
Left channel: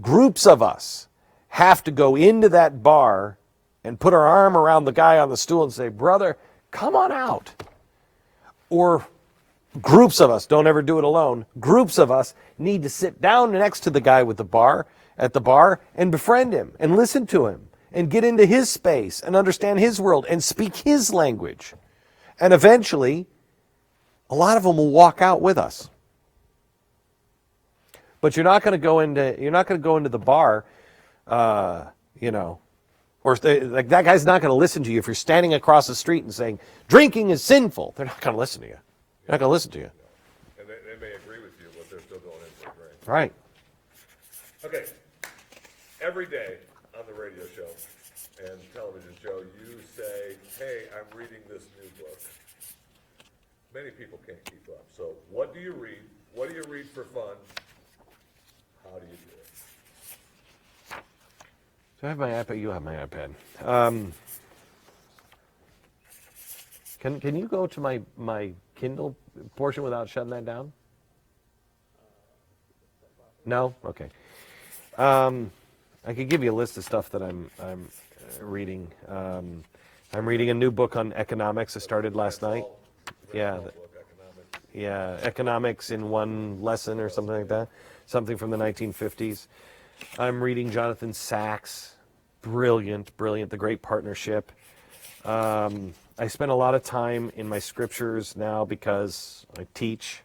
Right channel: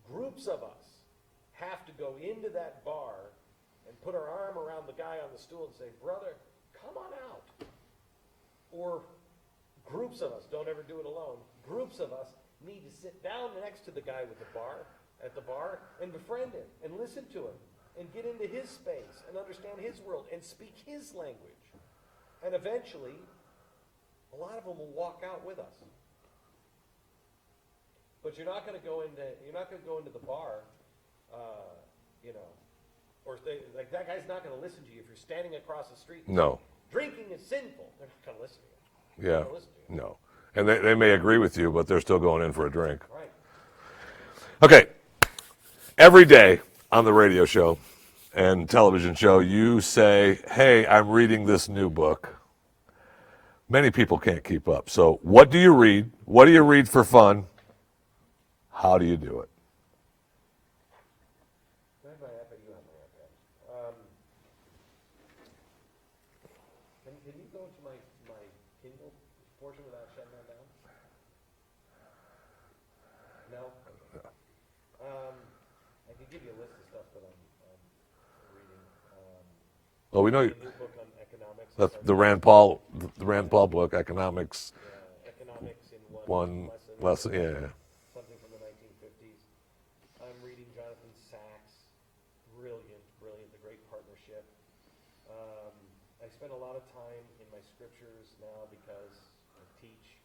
Groups of us have to go into that bar and put our arm around the guy on the stool and say, brother, come on out. Or groups of us, don't ever do it alone, groups of us need to sit down next to the guy with the bar, at the bar, and befriend him and listen to him and get into his space and understand his world and speak his language. And eventually, a lot of them will walk out with us. But you're not going to go into the bar, or like that guy's not going to listen to you if you're standing across the street and saying drinking is sinful. They're not going to listen to you. Yeah. Not going to listen to you. No. And they may agree with you, but they're still going in for a drink. Right. Okay. Every day on the radio show and television show, you say, hey, I'm reading this new book. Many people can't keep up. So what do you read? What do you read for fun? How do you do it? So I have my iPad. You have my iPad. Can you go to my Kindle portion without shutting that down? No? Okay. I could give you a list of stuff that I'm reading. I'm reading a new book on economics. I started the last Rand Paul, night. the Rand Paul book, Economics. Yeah, economics in one lesson or something like that. Something from the 1950s. I'm reading Jonathan Sacks. Brilliant. The Great Partnership. I spend a lot of time in my scriptures now because I teach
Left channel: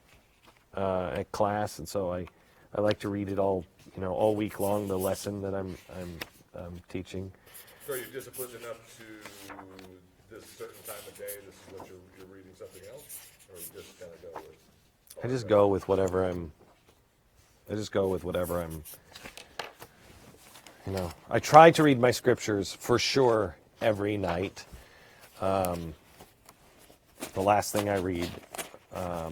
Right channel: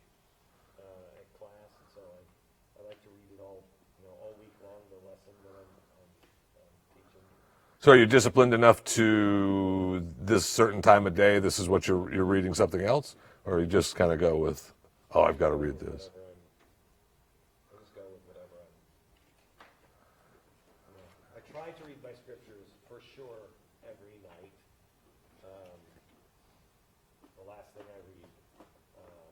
at class, and so I like to read it all week long, the lesson that I'm teaching. So are you disciplined enough to this certain time of day, this is what you're reading something else? Or you just kind of go with, I just go with whatever I'm, I try to read my scriptures for sure every night. The last thing I read are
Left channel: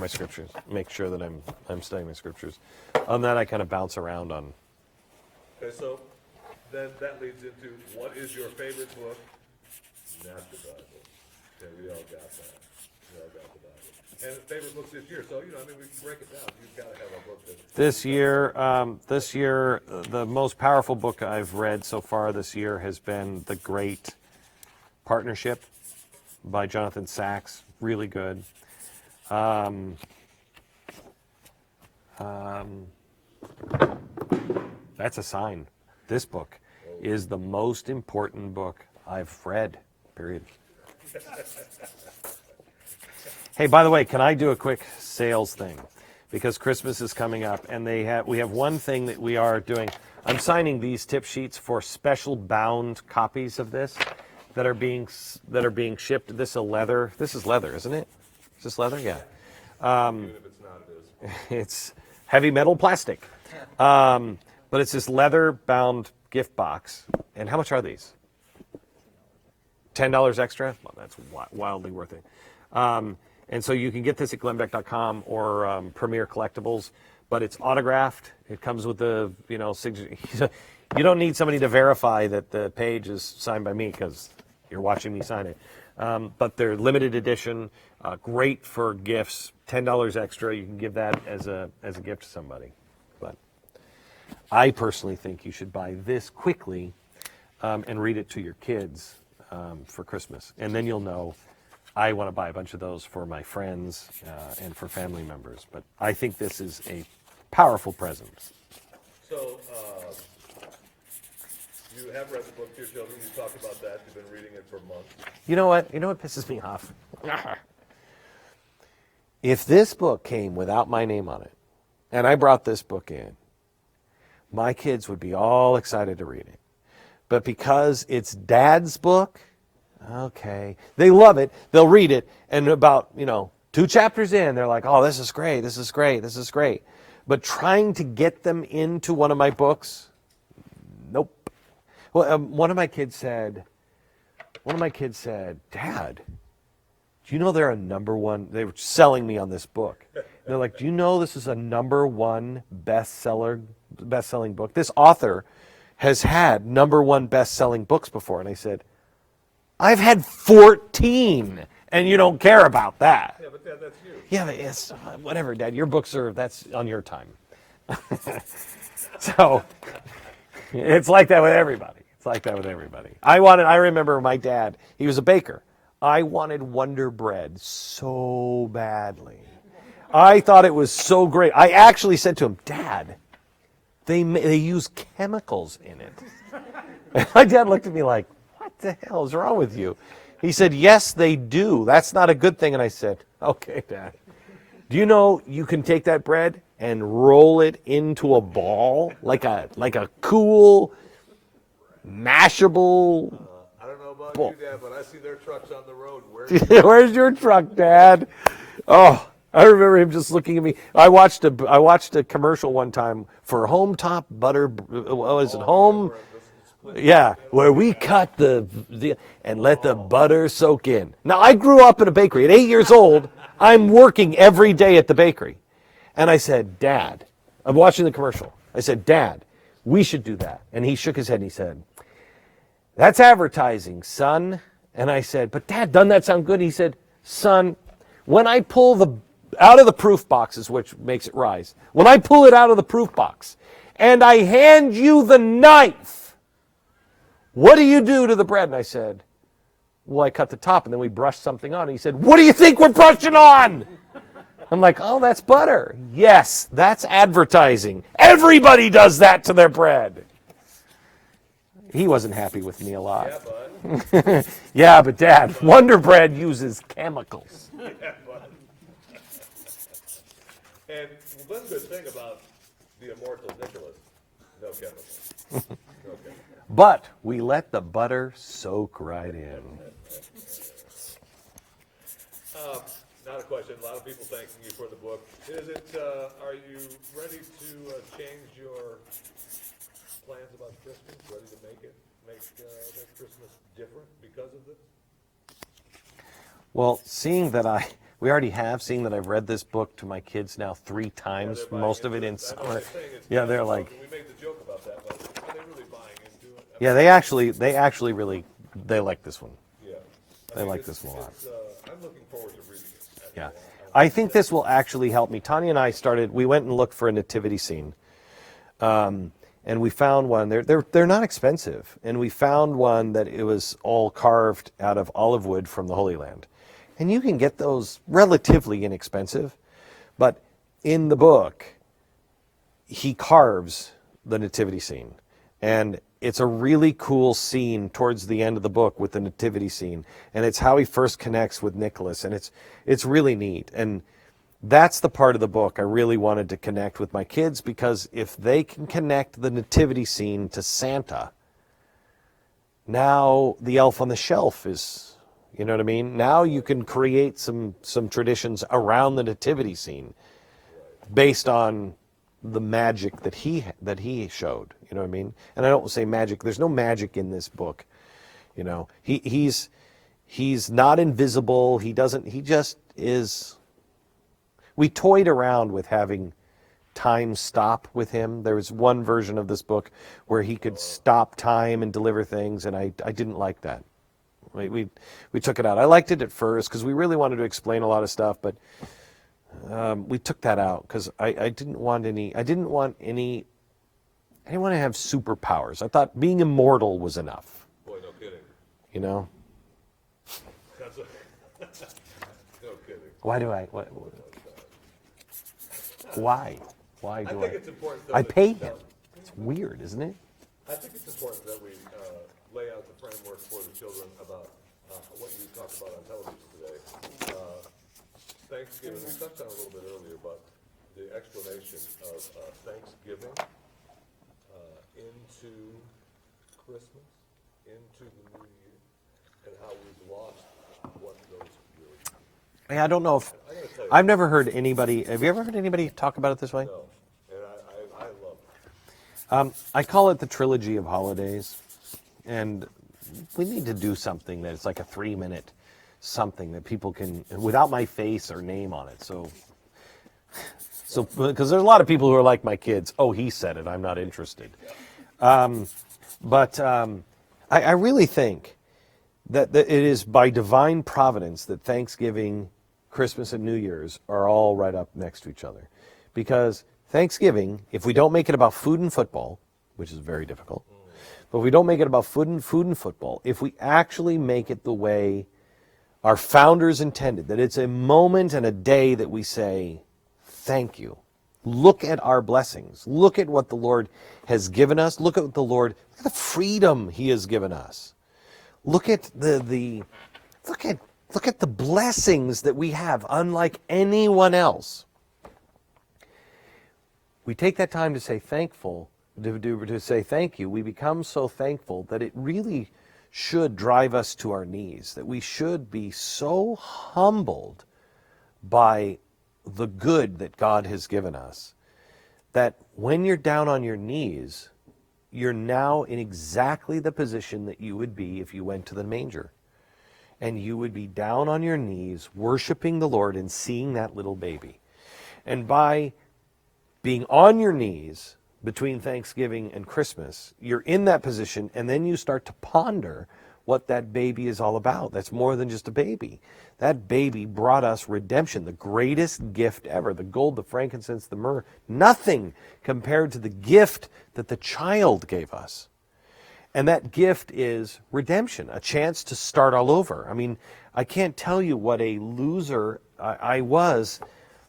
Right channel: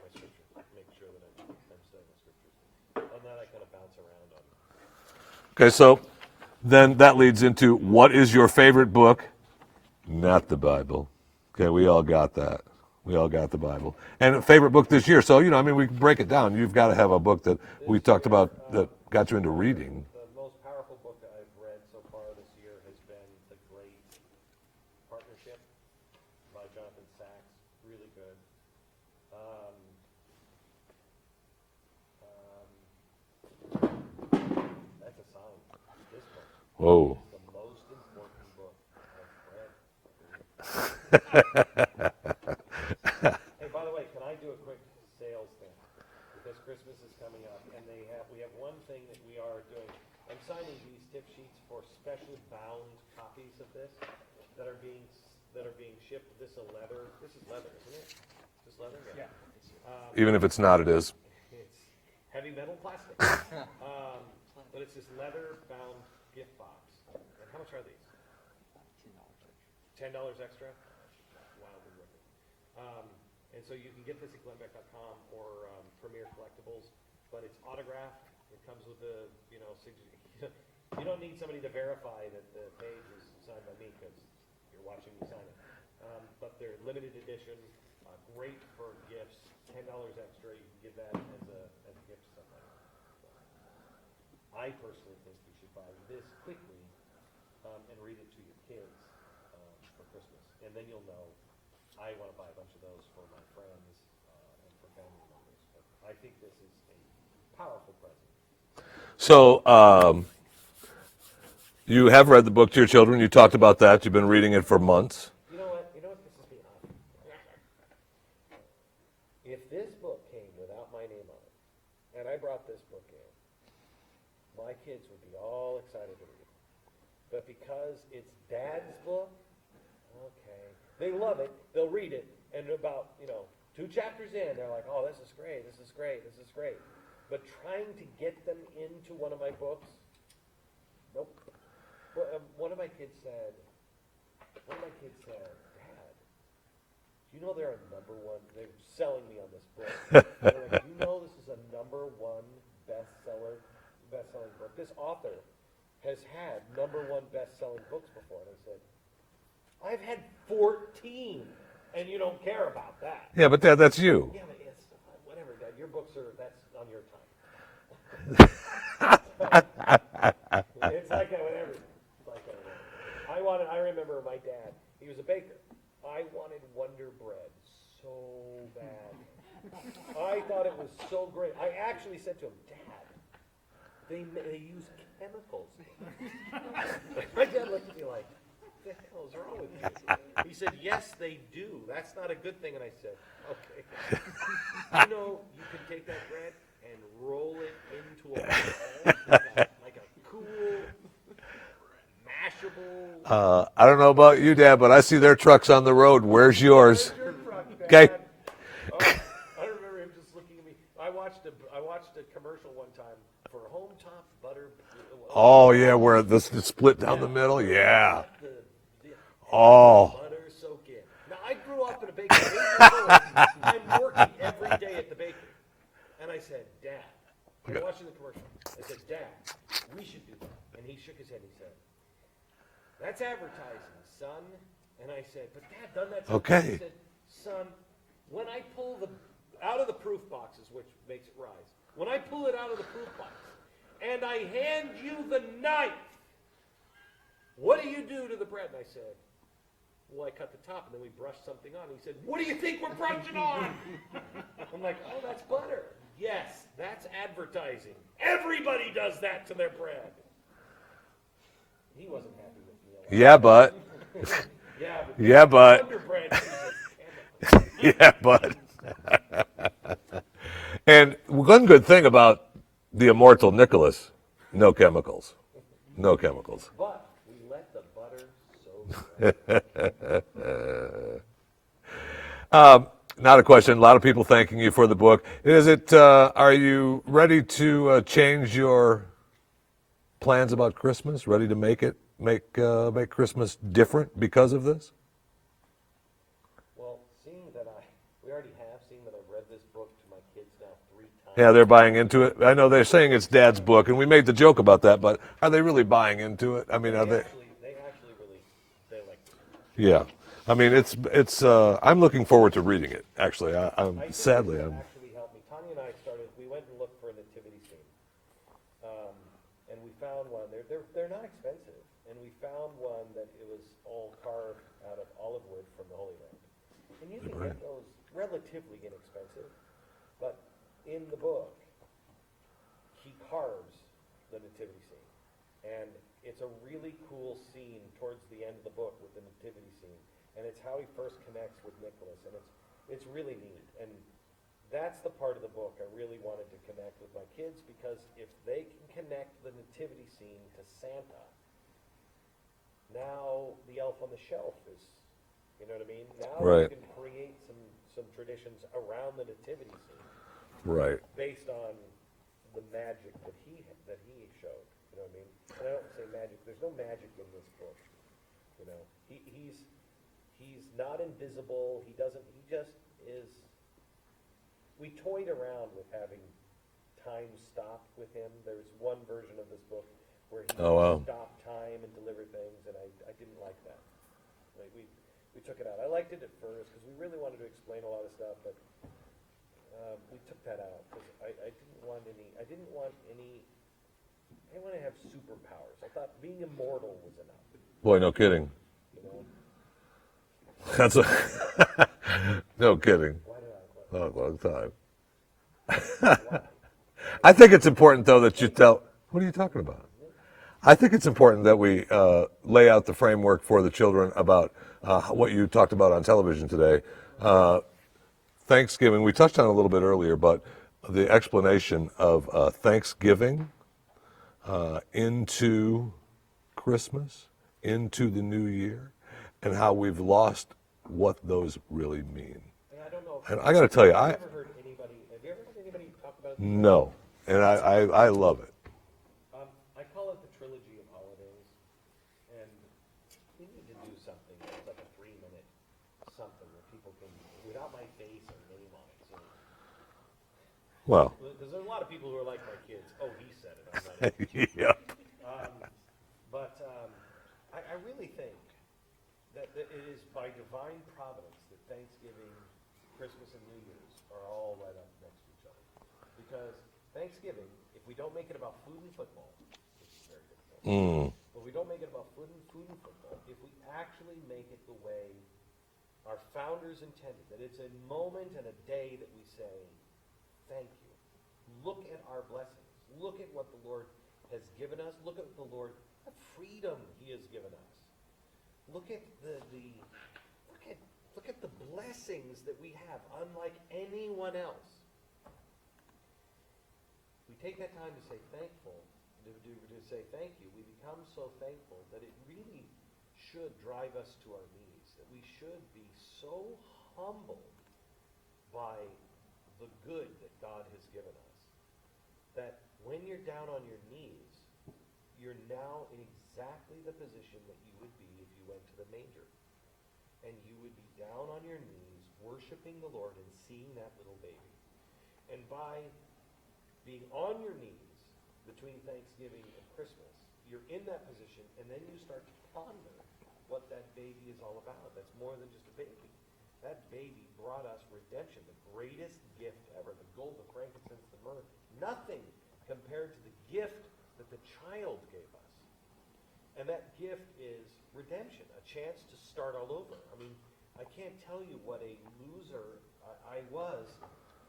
my scriptures. Make sure that I'm studying my scriptures. On that, I kind of bounce around on. Okay, so then that leads into what is your favorite book? Not the Bible. Okay, we all got that. We all got the Bible. And favorite book this year. So, we can break it down. You've got to have a book that we talked about. This year, the most powerful book I've read so far this year has been The Great Partnership by Jonathan Sacks. Really good. That's a sign. This book is the most important book I've read, period. Hey, by the way, can I do a quick sales thing? Because Christmas is coming up, and we have one thing that we are doing. I'm signing these tip sheets for special bound copies of this that are being shipped. This is leather, isn't it? Is this leather? Yeah. Even if it's not, it is. It's heavy metal plastic. But it's this leather-bound gift box. And how much are these? $10 extra? Well, that's wildly worth it. And so you can get this at glennbeck.com or Premier Collectibles, but it's autographed. It comes with the, signature. You don't need somebody to verify that the page is signed by me because you're watching me sign it. But they're limited edition, great for gifts, $10 extra. You can give that as a gift to somebody. But I personally think you should buy this quickly and read it to your kids for Christmas. And then you'll know I want to buy a bunch of those for my friends and for family members. But I think this is a powerful present. So you have read the book to your children. You talked about that. You've been reading it for months. You know what? You know what pisses me off? If this book came without my name on it, and I brought this book in, my kids would be all excited to read it. But because it's Dad's book, okay, they love it. They'll read it, and about 2 chapters in, they're like, "Oh, this is great. This is great. This is great." But trying to get them into one of my books, nope. Well, one of my kids said, "Dad, do you know they're a #1?" They were selling me on this book. They're like, "Do you know this is a #1 best-selling book? This author has had #1 best-selling books before." And I said, "I've had 14, and you don't care about that." Yeah, but Dad, that's you. Yeah, but it's whatever, Dad. Your books that's on your time. So it's like that with everybody. I remember my dad, he was a baker. I wanted Wonder Bread so badly. I thought it was so great. I actually said to him, "Dad, they use chemicals in it." And my dad looked at me like, "What the hell is wrong with you?" He said, "Yes, they do. That's not a good thing." And I said, "Okay, Dad. Do you know you can take that bread and roll it into a ball like a cool, mashable?" I don't know about you, Dad, but I see their trucks on the road. Where's yours? Where's your truck, Dad? Oh, I remember him just looking at me. I watched a commercial one time for Home Top Butter. Where it's split down the middle. Where we cut the and let the butter soak in. Now, I grew up in a bakery. At 8 years old, I'm working every day at the bakery. And I said, "Dad," I'm watching the commercial. I said, "Dad, we should do that." And he shook his head and he said, "That's advertising, son." And I said, "But Dad, doesn't that sound good?" He said, "Son, when I pull out of the proof boxes, which makes it rise, when I pull it out of the proof box and I hand you the knife, what do you do to the bread?" And I said, "Well, I cut the top and then we brush something on." And he said, "What do you think we're brushing on?" I'm like, "Oh, that's butter." "Yes, that's advertising. Everybody does that to their bread." He wasn't happy with me a lot. Yeah, but. Yeah, but Dad, Yeah, but. Wonder Bread uses chemicals. Yeah, but. And one good thing about the Immortal Nicholas, no chemicals. No chemicals. But we let the butter soak right in. Not a question. A lot of people thanking you for the book. Are you ready to change your plans about Christmas? Ready to make Christmas different because of this? Well, seeing that I've read this book to my kids now 3 times. Yeah, they're buying most of into it. in I know they're saying it's Yeah, Dad's they're book, like- and we made the joke about that, but are they really buying into it? I mean, Yeah, they actually really like this one. Yeah. I mean, it's. I'm looking forward to reading it. Actually, I think this will sadly- actually help me. Tanya and I we went and looked for a nativity scene, and we found one. They're not expensive, and we found one that it was all carved out of olive wood from the Holy Land, and you can get those relatively inexpensive. But in the book, he carves the nativity scene, and it's a really cool scene towards the end of the book with the nativity scene, and it's how he first connects with Nicholas, and it's really neat. And that's the part of the book I really wanted to connect with my kids, because if they can connect the nativity scene to Santa, now the elf on the shelf is, you know what I mean? Now you Right. can create some traditions around the nativity scene Right. based on the magic that he showed. You know what I mean? And I don't say magic. There's no magic in this book. You know, he's not invisible. He just is. We toyed around with having time stop with him. There was one version of this book where he could stop time and deliver things, and I didn't like that. We took it out. I liked it at first because we really wanted to explain a lot of stuff, but we took that out because I didn't want any I didn't want to have superpowers. I thought being immortal was enough, Boy, no kidding. you know? That's a no kidding. Why do I? What, Not a long time. why? I think it's important though I that you paint tell. it. What are you talking Weird, about? isn't it? I think it's important that we lay out the framework for the children about what you talked about on television today. Thanksgiving, we touched on it a little bit earlier, but the explanation of Thanksgiving into Christmas, into the new year, and how we've lost what those really mean. I don't know if And I got to tell you, I've never heard anybody. Have you ever heard anybody talk about it this way? No, and I love it. I call it the trilogy of holidays, and we need to do something that's like a 3-minute something that people can, without my face or name on it. So, Well. because there's a lot of people who are like my kids. Oh, he said it. I'm not interested. Yeah. But I really think that it is by divine providence that Thanksgiving, Christmas, and New Year's are all right up next to each other. Because Thanksgiving, if we don't make it about food and football, which is very difficult, but if we don't make it about food and football, if we actually make it the way our founders intended, that it's a moment and a day that we say, thank you. Look at our blessings. Look at what the Lord has given us. Look at the freedom He has given us. Look at look at the blessings that we have, unlike anyone else. We take that time to say thankful, to say thank you. We become so thankful that it really should drive us to our knees, that we should be so humbled by the good that God has given us, that when you're down on your knees, you're now in exactly the position that you would be if you went to the manger. And you would be down on your knees, worshiping the Lord and seeing that little baby. And by being on your knees between Thanksgiving and Christmas, you're in that position, and then you start to ponder what that baby is all about. That's more than just a baby. That baby brought us redemption, the greatest gift ever. The gold, the frankincense, the myrrh, nothing compared to the gift that the child gave us. And that gift is redemption, a chance to start all over. I mean, I can't tell you what a loser I was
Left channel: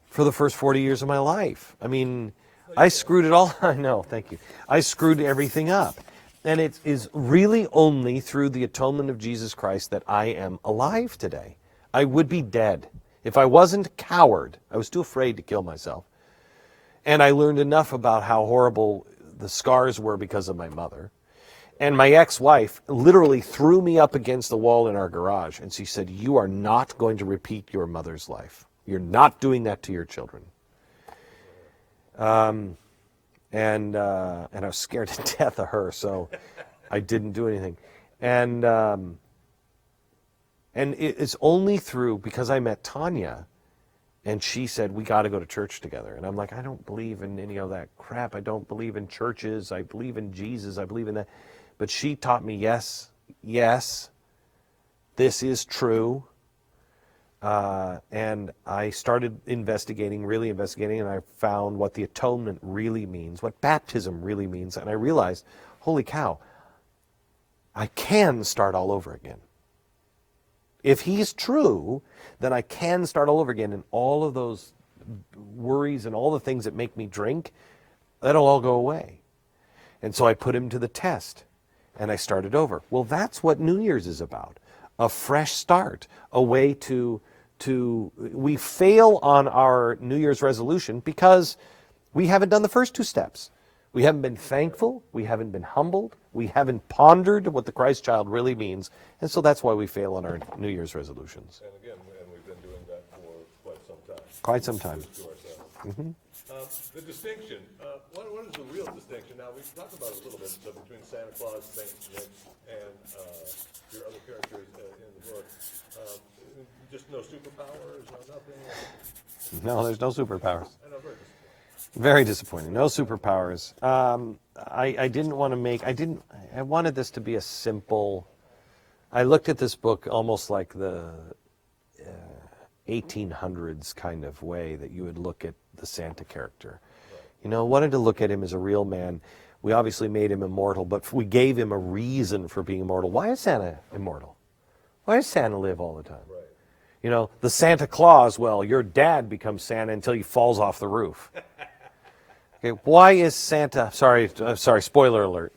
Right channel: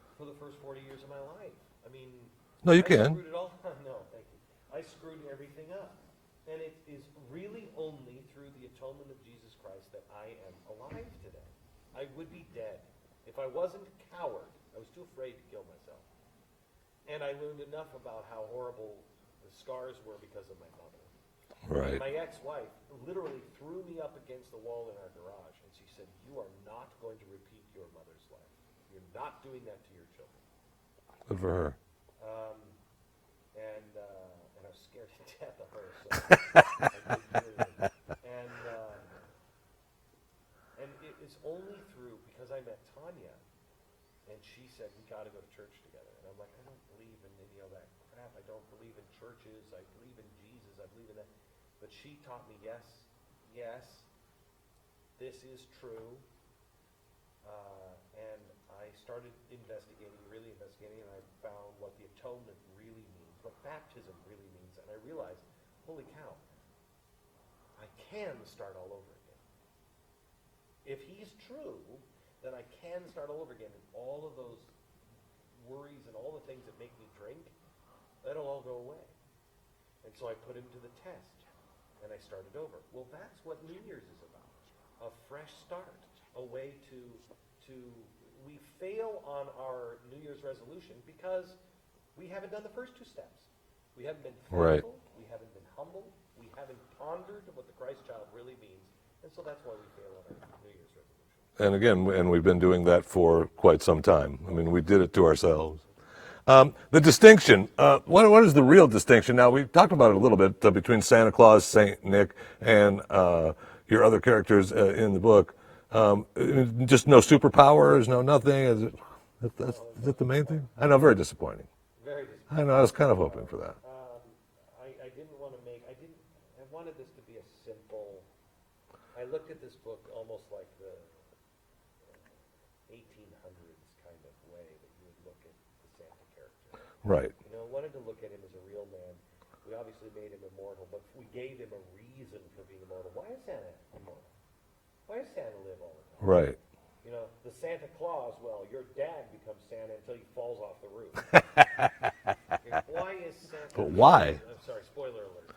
for the first 40 years of my life. I mean, No, you I can. screwed it all. I know, thank you. I screwed everything up. And it is really only through the atonement of Jesus Christ that I am alive today. I would be dead. If I wasn't a coward, I was too afraid to kill myself. And I learned enough about how horrible the scars were because of my mother. Right. And my ex-wife literally threw me up against the wall in our garage. And she said, "You are not going to repeat your mother's life. You're not doing that to your children." Good for her. And I was scared to death of her, so I didn't do anything. And it's only through, because I met Tanya, and she said, "We got to go to church together." And I'm like, "I don't believe in any of that crap. I don't believe in churches. I believe in Jesus. I believe in that." But she taught me, yes, this is true. And I started really investigating, and I found what the atonement really means, what baptism really means. And I realized, holy cow, I can start all over again. If He's true, then I can start all over again. And all of those worries and all the things that make me drink, that'll all go away. And so I put Him to the test, and I started over. Well, that's what New Year's is about. A fresh start, a way to we fail on our New Year's resolution because we haven't done the first 2 steps. We haven't been thankful. Right. We haven't been humbled. We haven't pondered what the Christ child really means. And so that's why we fail on our New Year's resolutions. And again, we've been doing that for quite some time. We did it to ourselves. Mm-hmm. The distinction, what is the real distinction? Now, we've talked about it a little bit between Santa Claus, Saint Nick, and your other characters in the book. Just no superpowers, no nothing. No, there's no superpowers. I know, very disappointing. Very disappointing. No superpowers. I didn't want to make. I wanted this to be a simple. I looked at this book almost like the 1800s kind of way that you would look at the Santa character. Right. Wanted to look at him as a real man We obviously made him immortal, but we gave him a reason for being immortal. Why is Santa immortal? Why does Santa live all the time? Right. You know, the Santa Claus, well, your dad becomes Santa until he falls off the roof. Okay, why is Santa, sorry, spoiler alert.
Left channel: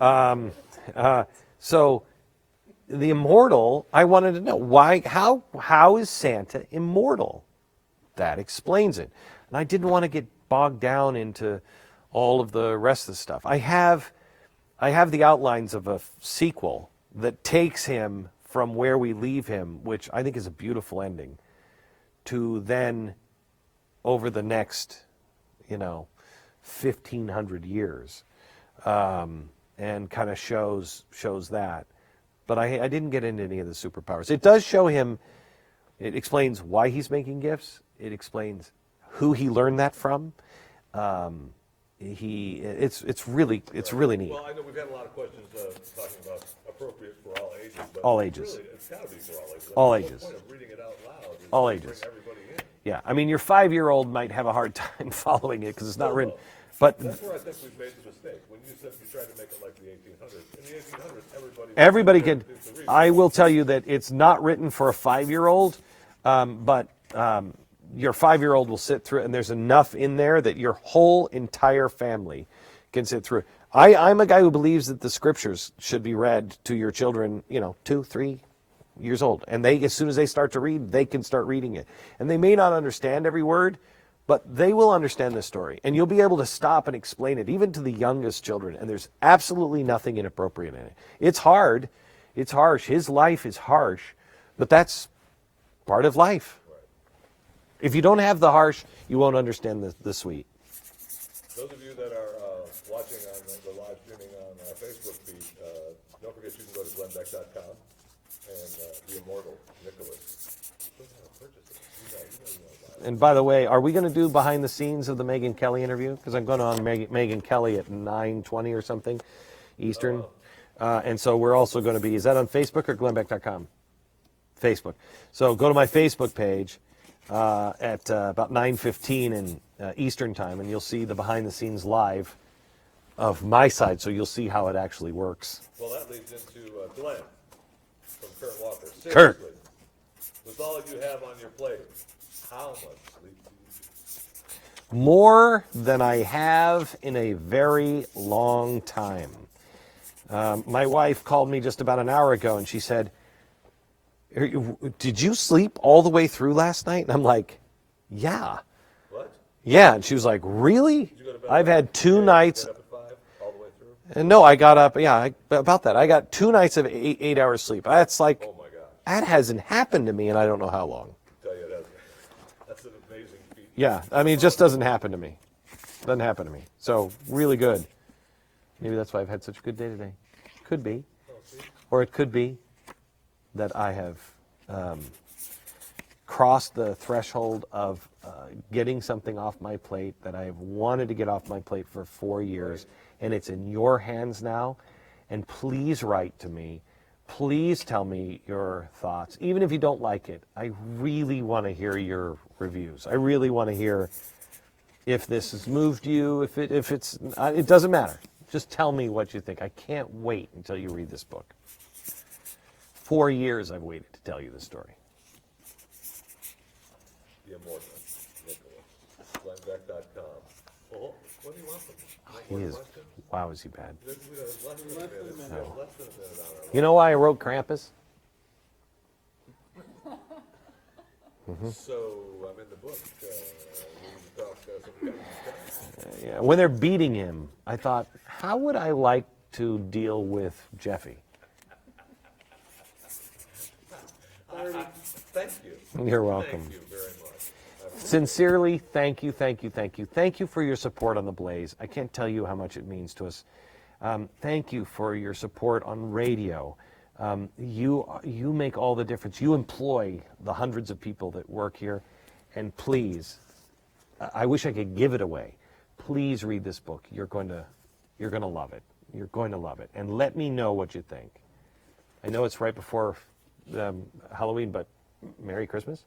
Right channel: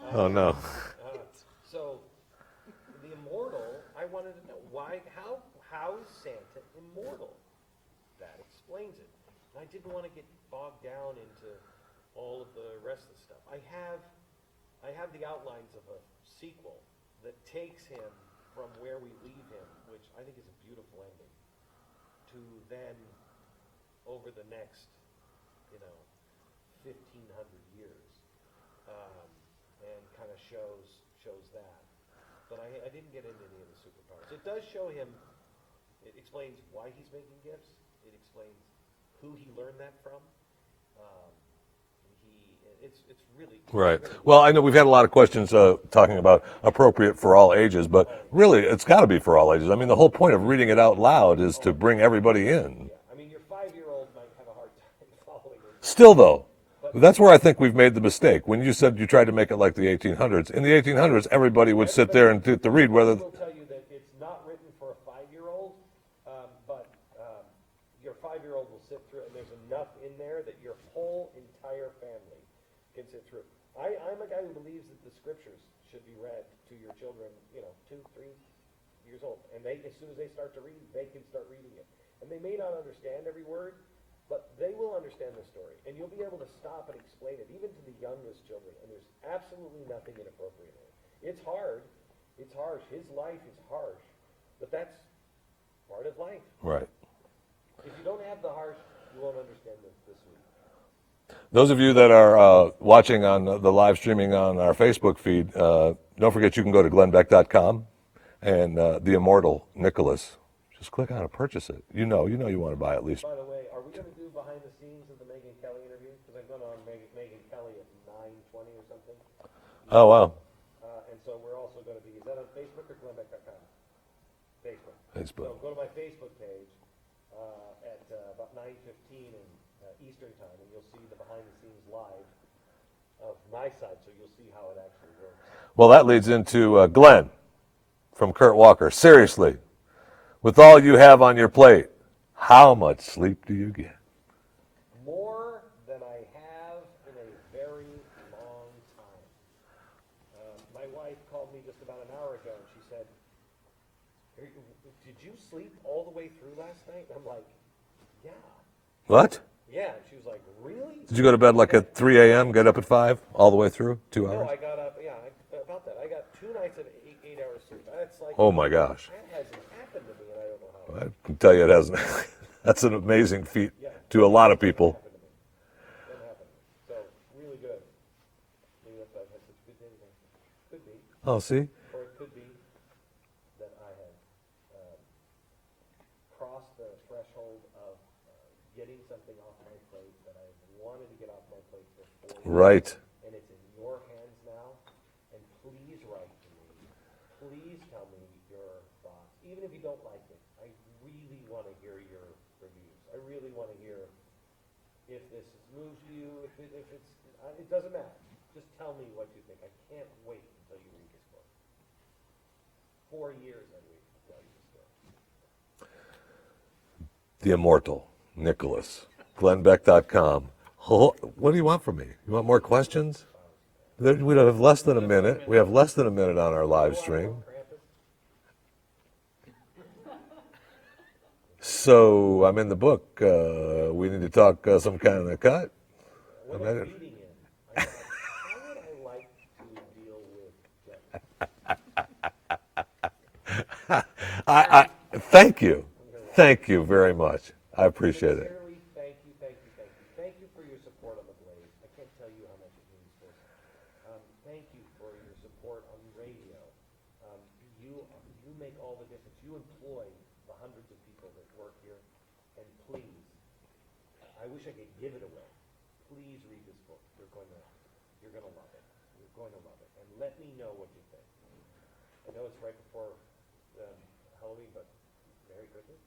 No. So the immortal, I wanted to know, why, how is Santa immortal? That explains it. And I didn't want to get bogged down into all of the rest of the stuff. I have the outlines of a sequel that takes him from where we leave him, which I think is a beautiful ending, to then over the next, 1,500 years, and kind of shows that. But I didn't get into any of the superpowers. It does show him, it explains why he's making gifts. It explains who he learned that from. It's really neat. Well, I know we've had a lot of questions talking about appropriate for all ages, but All ages. really, it's got to be for all ages. I mean, All the whole ages. point of reading it out loud is All to ages. bring everybody in. Yeah, I mean, your 5-year-old might have a hard time following it. 'Cause it's Still, not written. though, But that's where I think we've made the mistake. When you said you tried to make it like the 1800s, in the 1800s, everybody would sit there and do the read. I will tell you that it's not written for a 5-year-old, but your 5-year-old will sit through it, and there's enough in there that your whole entire family can sit through it. I'm a guy who believes that the scriptures should be read to your children, 2, 3 years old. And they, as soon as they start to read, they can start reading it. And they may not understand every word, but they will understand the story. And you'll be able to stop and explain it, even to the youngest children. And there's absolutely nothing inappropriate in it. It's hard. It's harsh. His life is harsh, but that's part of life. Right. If you don't have the harsh, you won't understand the sweet. Those of you that are watching on the live streaming on our Facebook feed, don't forget you can go to glennbeck.com and the Immortal Nicholas. Just click on it, purchase it. You know you want to buy it. And by the way, are we going to do behind the scenes of the Megyn Kelly interview? Because I'm going on Megyn Kelly at 9:20 or something Eastern. Oh, wow. And so we're also going to be, is that on Facebook or glennbeck.com? Facebook. So go to my Facebook page at about 9:15 in Eastern time, and you'll see the behind the scenes live of my side, so you'll see how it actually works. Well, that leads into Glenn from Kurt Walker. Seriously, with all you have on your plate, how much sleep do you get? More than I have in a very long time. My wife called me just about an hour ago, and she said, "Did you sleep all the way through last night?" And I'm like, "Yeah." What? Yeah, and she was like, "Really?" Did you go to bed I've like had at 2 3 a.m., nights- get up at 5, all the way through? No, I got up, about that. I got 2 nights of 8 hours sleep. That's like, Oh, my gosh. that hasn't happened to me, and I don't know how long. I can tell you it hasn't. That's an amazing feat Yeah, to a it lot just of people. doesn't happen to me. Doesn't happen to me. So, really good. Maybe that's why I've had such a good day today. Could be. Oh, see? Or it could be that I have crossed the threshold of getting something off my plate that I have wanted to get off my plate for 4 years. Right. And it's in your hands now. And please write to me. Please tell me your thoughts. Even if you don't like it, I really want to hear your reviews. I really want to hear if this has moved you, if it's, it doesn't matter. Just tell me what you think. I can't wait until you read this book. 4 years I've waited to tell you this story. The Immortal Nicholas. glennbeck.com. Oh, what do you want from me? You want more questions? Wow, is he bad? We have less than a minute. We have less than a minute on our live You know why I stream. wrote Krampus? So I'm in the book. We need to talk some kind of cut. Yeah, when they're beating him, I thought, how would I like to deal with Jeffy? Thank you. You're welcome. Thank you very much. I appreciate it. Sincerely, thank you, thank you, thank you. Thank you for your support on The Blaze. I can't tell you how much it means to us. Thank you for your support on radio. You make all the difference. You employ the hundreds of people that work here. And please, I wish I could give it away. Please read this book. You're going to love it. You're going to love it. And let me know what you think. I know it's right before Halloween, but Merry Christmas.